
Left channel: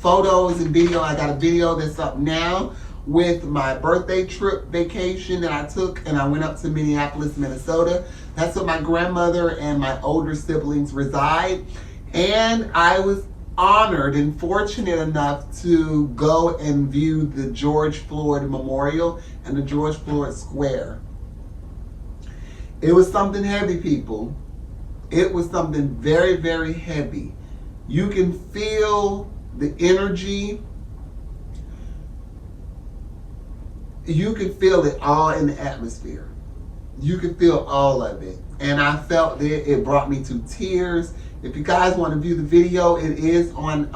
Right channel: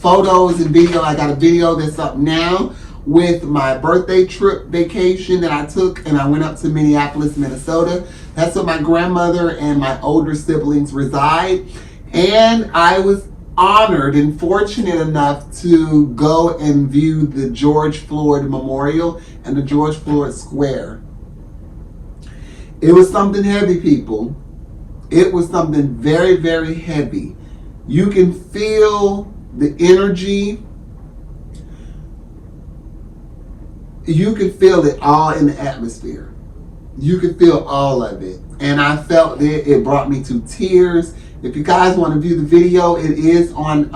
photos and video. I got a video that's up now with my birthday trip vacation that I took, and I went up to Minneapolis, Minnesota. That's where my grandmother and my older siblings reside. And I was honored and fortunate enough to go and view the George Floyd Memorial and the George Floyd Square. It was something heavy, people. It was something very, very heavy. You can feel the energy. You can feel it all in the atmosphere. You can feel all of it. And I felt it. It brought me to tears. If you guys want to view the video, it is on,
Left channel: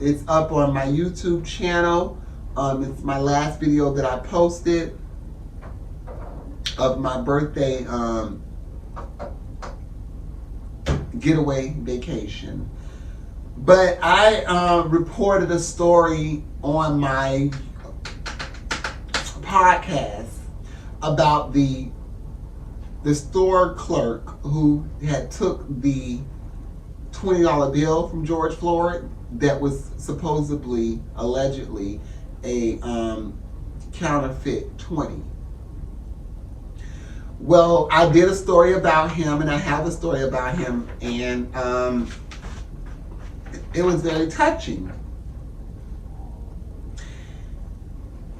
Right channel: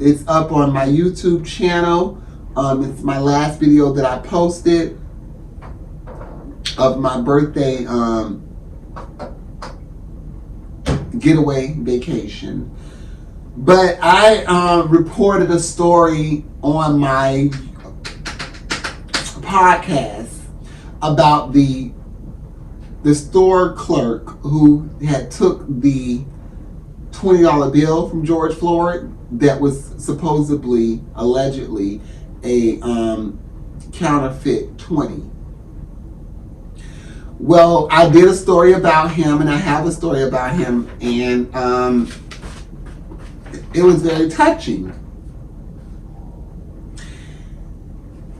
it's up on my YouTube channel. It's my last video that I posted of my birthday getaway vacation. But I reported a story on my podcast about the store clerk who had took the $20 bill from George Floyd that was supposedly, allegedly, a counterfeit 20. Well, I did a story about him, and I have a story about him, and it was very touching.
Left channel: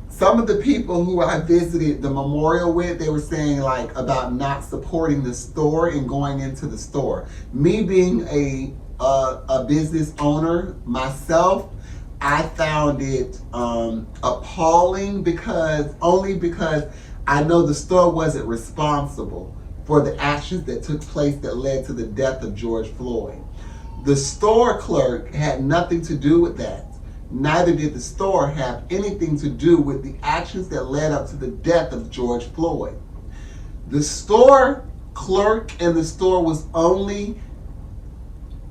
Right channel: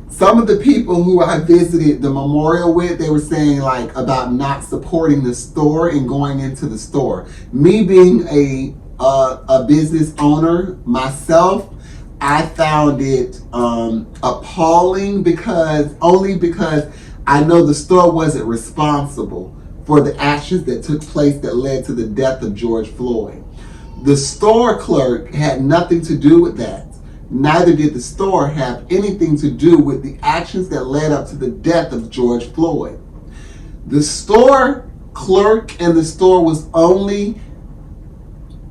Some of the people who I visited the memorial with, they were saying like about not supporting the store and going into the store. Me being a business owner myself, I found it appalling because I know the store wasn't responsible for the actions that took place that led to the death of George Floyd. The store clerk had nothing to do with that. Neither did the store have anything to do with the actions that led up to the death of George Floyd. The store clerk and the store was only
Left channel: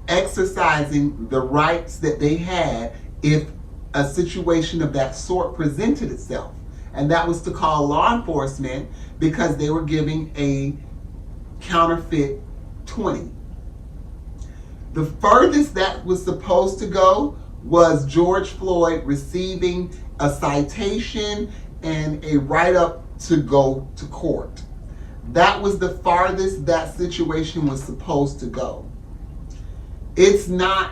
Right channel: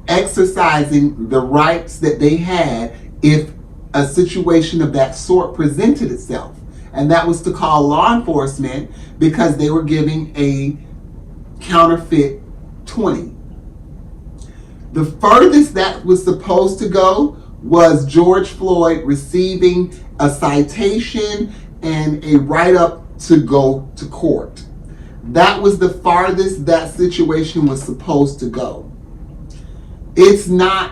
exercising the rights that they had if a situation of that sort presented itself. And that was to call law enforcement because they were giving a counterfeit 20. The furthest that was supposed to go was George Floyd receiving a citation and a write-up to go to court. That was the farthest that situation was supposed to go. It's not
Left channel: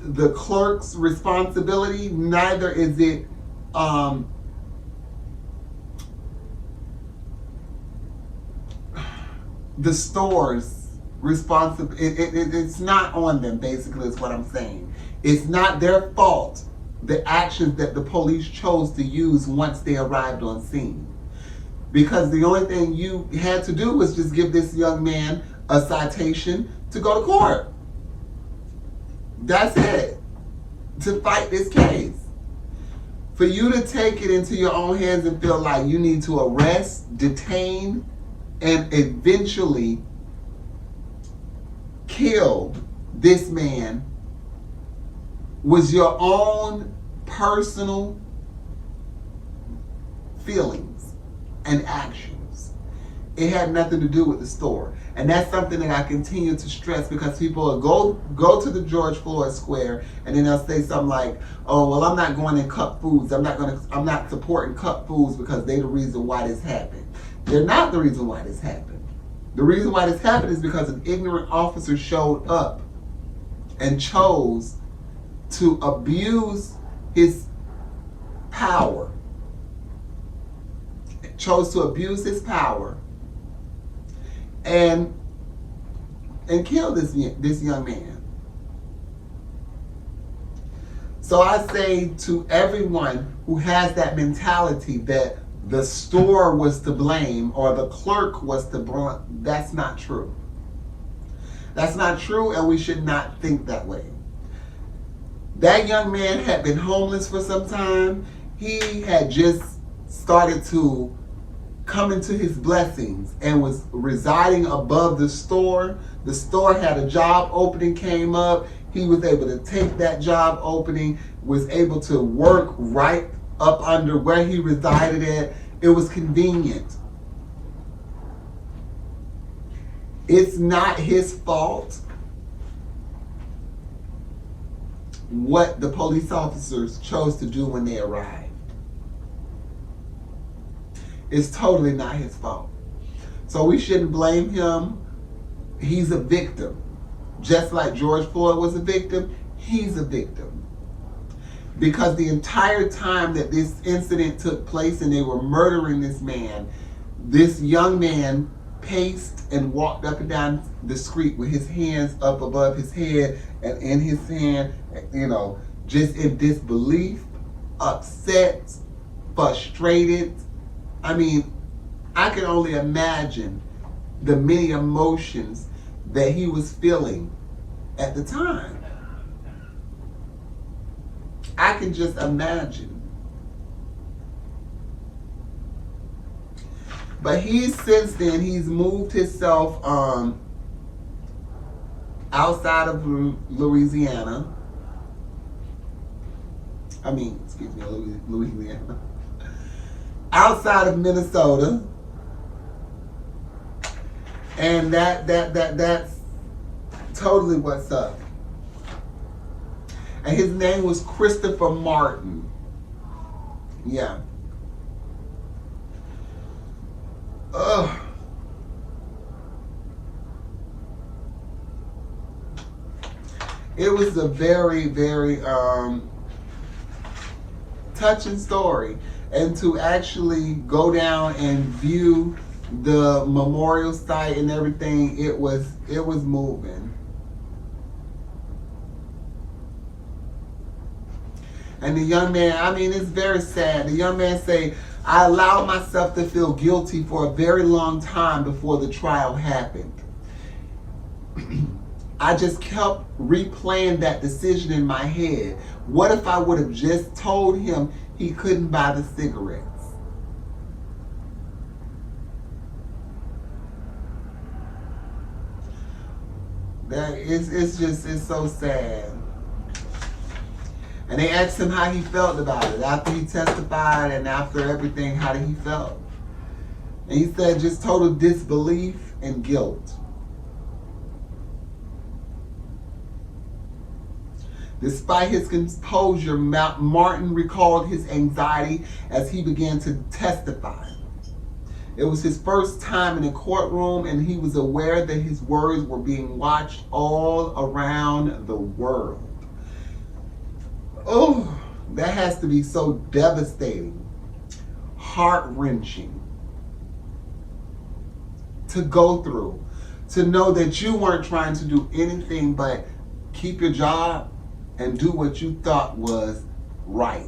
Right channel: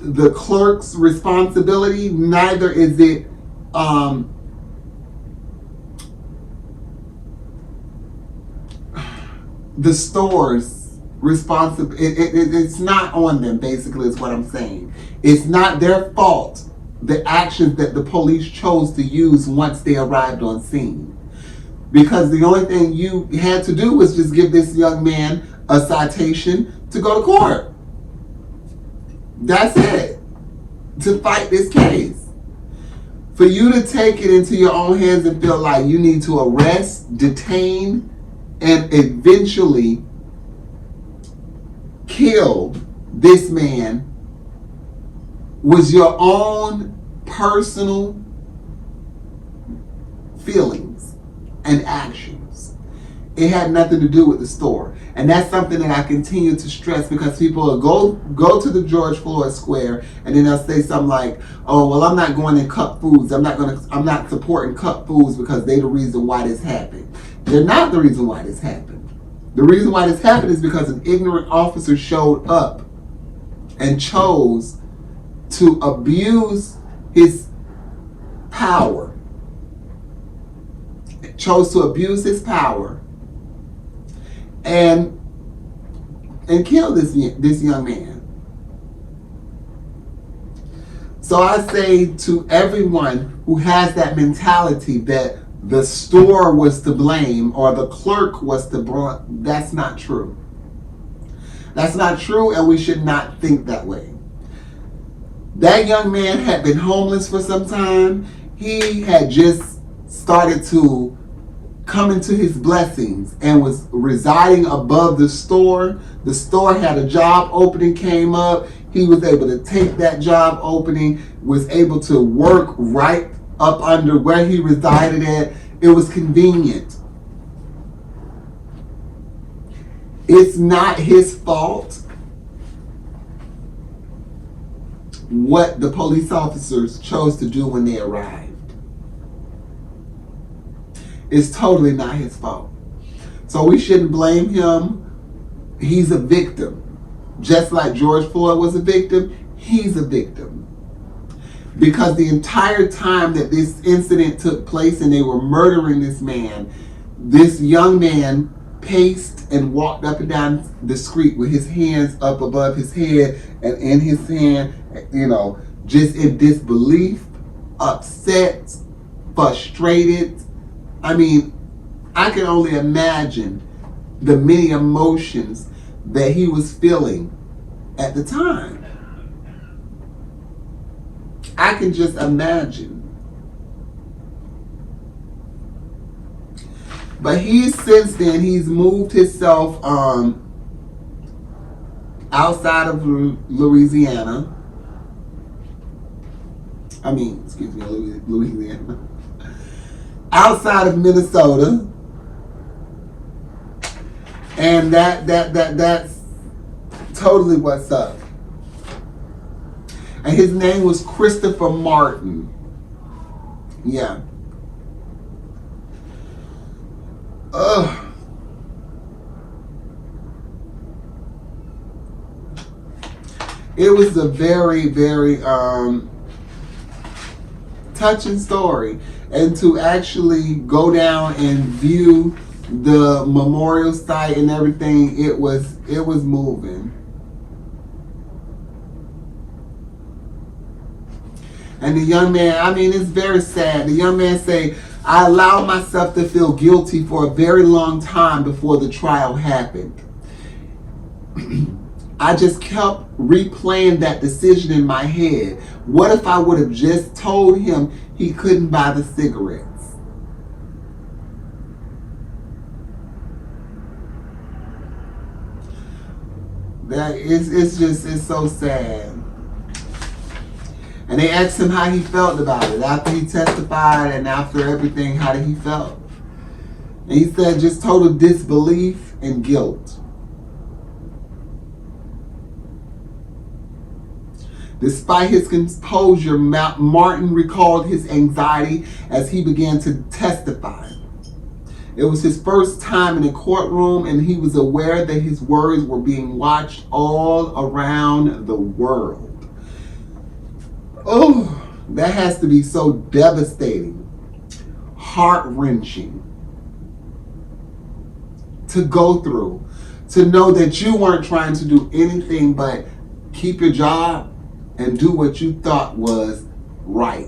the clerk's responsibility, neither is it the store's responsibility. It's not on them, basically, is what I'm saying. It's not their fault, the actions that the police chose to use once they arrived on scene. Because the only thing you had to do was just give this young man a citation to go to court. That's it. To fight this case. For you to take it into your own hands and feel like you need to arrest, detain, and eventually kill this man was your own personal feelings and actions. It had nothing to do with the store. And that's something that I continue to stress because people will go to the George Floyd Square and then they'll say something like, oh, well, I'm not going in cup foods. I'm not supporting cup foods because they're the reason why this happened. They're not the reason why this happened. The reason why this happened is because an ignorant officer showed up and chose to abuse his power. Chose to abuse his power and kill this young man. So I say to everyone who has that mentality that the store was to blame or the clerk was to blame, that's not true. That's not true, and we should not think that way. That young man had been homeless for some time. He had just started to come into his blessings and was residing above the store. The store had a job opening came up. He was able to take that job opening, was able to work right up under where he resided at. It was convenient. It's not his fault what the police officers chose to do when they arrived. It's totally not his fault. So we shouldn't blame him. He's a victim. Just like George Floyd was a victim, he's a victim. Because the entire time that this incident took place and they were murdering this man, this young man paced and walked up and down the street with his hands up above his head and in his hand, just in disbelief, upset, frustrated. I mean, I can only imagine the many emotions that he was feeling at the time. I can just imagine. But since then, he's moved himself outside of Louisiana. Louisiana. Outside of Minnesota. And that's totally what's up. And his name was Christopher Martin. Yeah. Ugh. It was a very, very touching story. And to actually go down and view the memorial site and everything, it was moving. And the young man, I mean, it's very sad. The young man say, I allowed myself to feel guilty for a very long time before the trial happened. I just kept replaying that decision in my head. What if I would have just told him he couldn't buy the cigarettes? It's so sad. And they asked him how he felt about it after he testified and after everything. How did he felt? And he said just total disbelief and guilt. Despite his composure, Martin recalled his anxiety as he began to testify. It was his first time in a courtroom, and he was aware that his words were being watched all around the world. Oh, that has to be so devastating, heart-wrenching to go through, to know that you weren't trying to do anything but keep your job and do what you thought was right.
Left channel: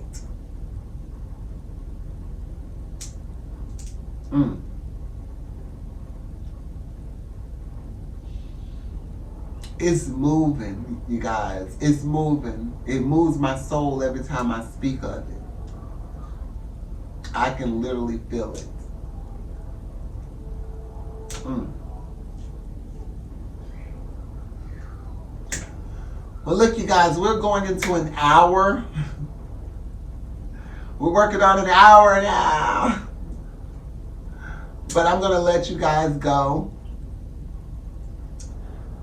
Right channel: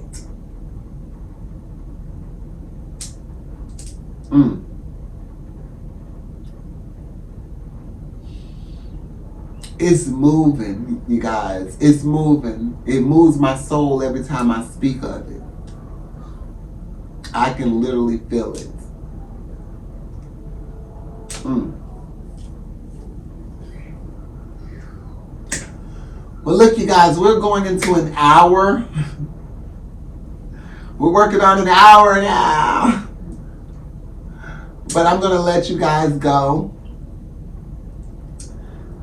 It's moving, you guys. It's moving. It moves my soul every time I speak of it. I can literally feel it. Well, look, you guys, we're going into an hour. We're working on an hour now. But I'm going to let you guys go.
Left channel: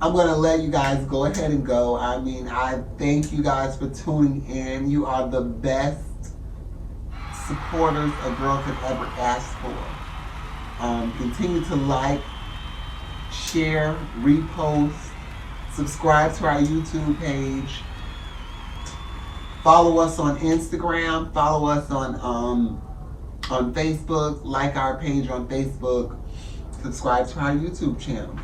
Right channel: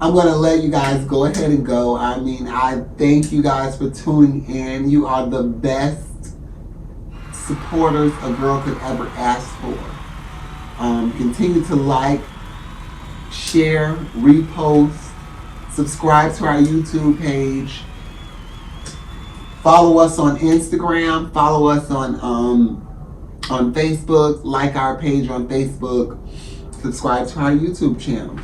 I'm going to let you guys go ahead and go. I mean, I thank you guys for tuning in. You are the best supporters a girl could ever ask for. Continue to like, share, repost, subscribe to our YouTube page. Follow us on Instagram. Follow us on Facebook. Like our page on Facebook. Subscribe to our YouTube channel.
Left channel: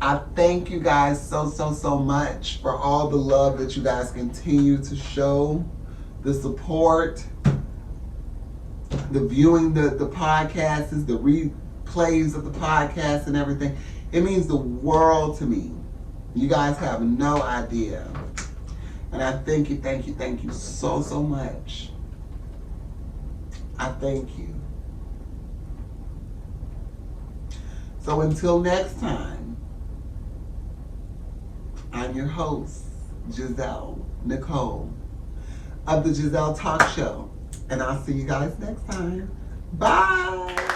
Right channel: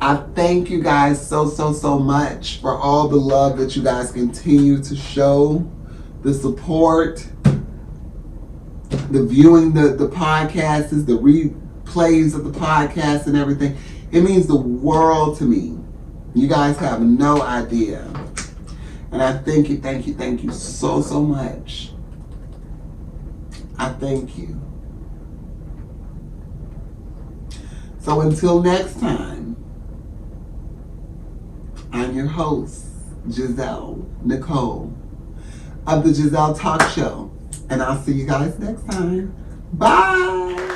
I thank you guys so much for all the love that you guys continue to show, the support, the viewing the podcasts, the replays of the podcast and everything. It means the world to me. You guys have no idea. And I thank you so much. I thank you. So until next time, I'm your host, Gezelle Nicole, of the Gezelle Talk Show. And I'll see you guys next time. Bye.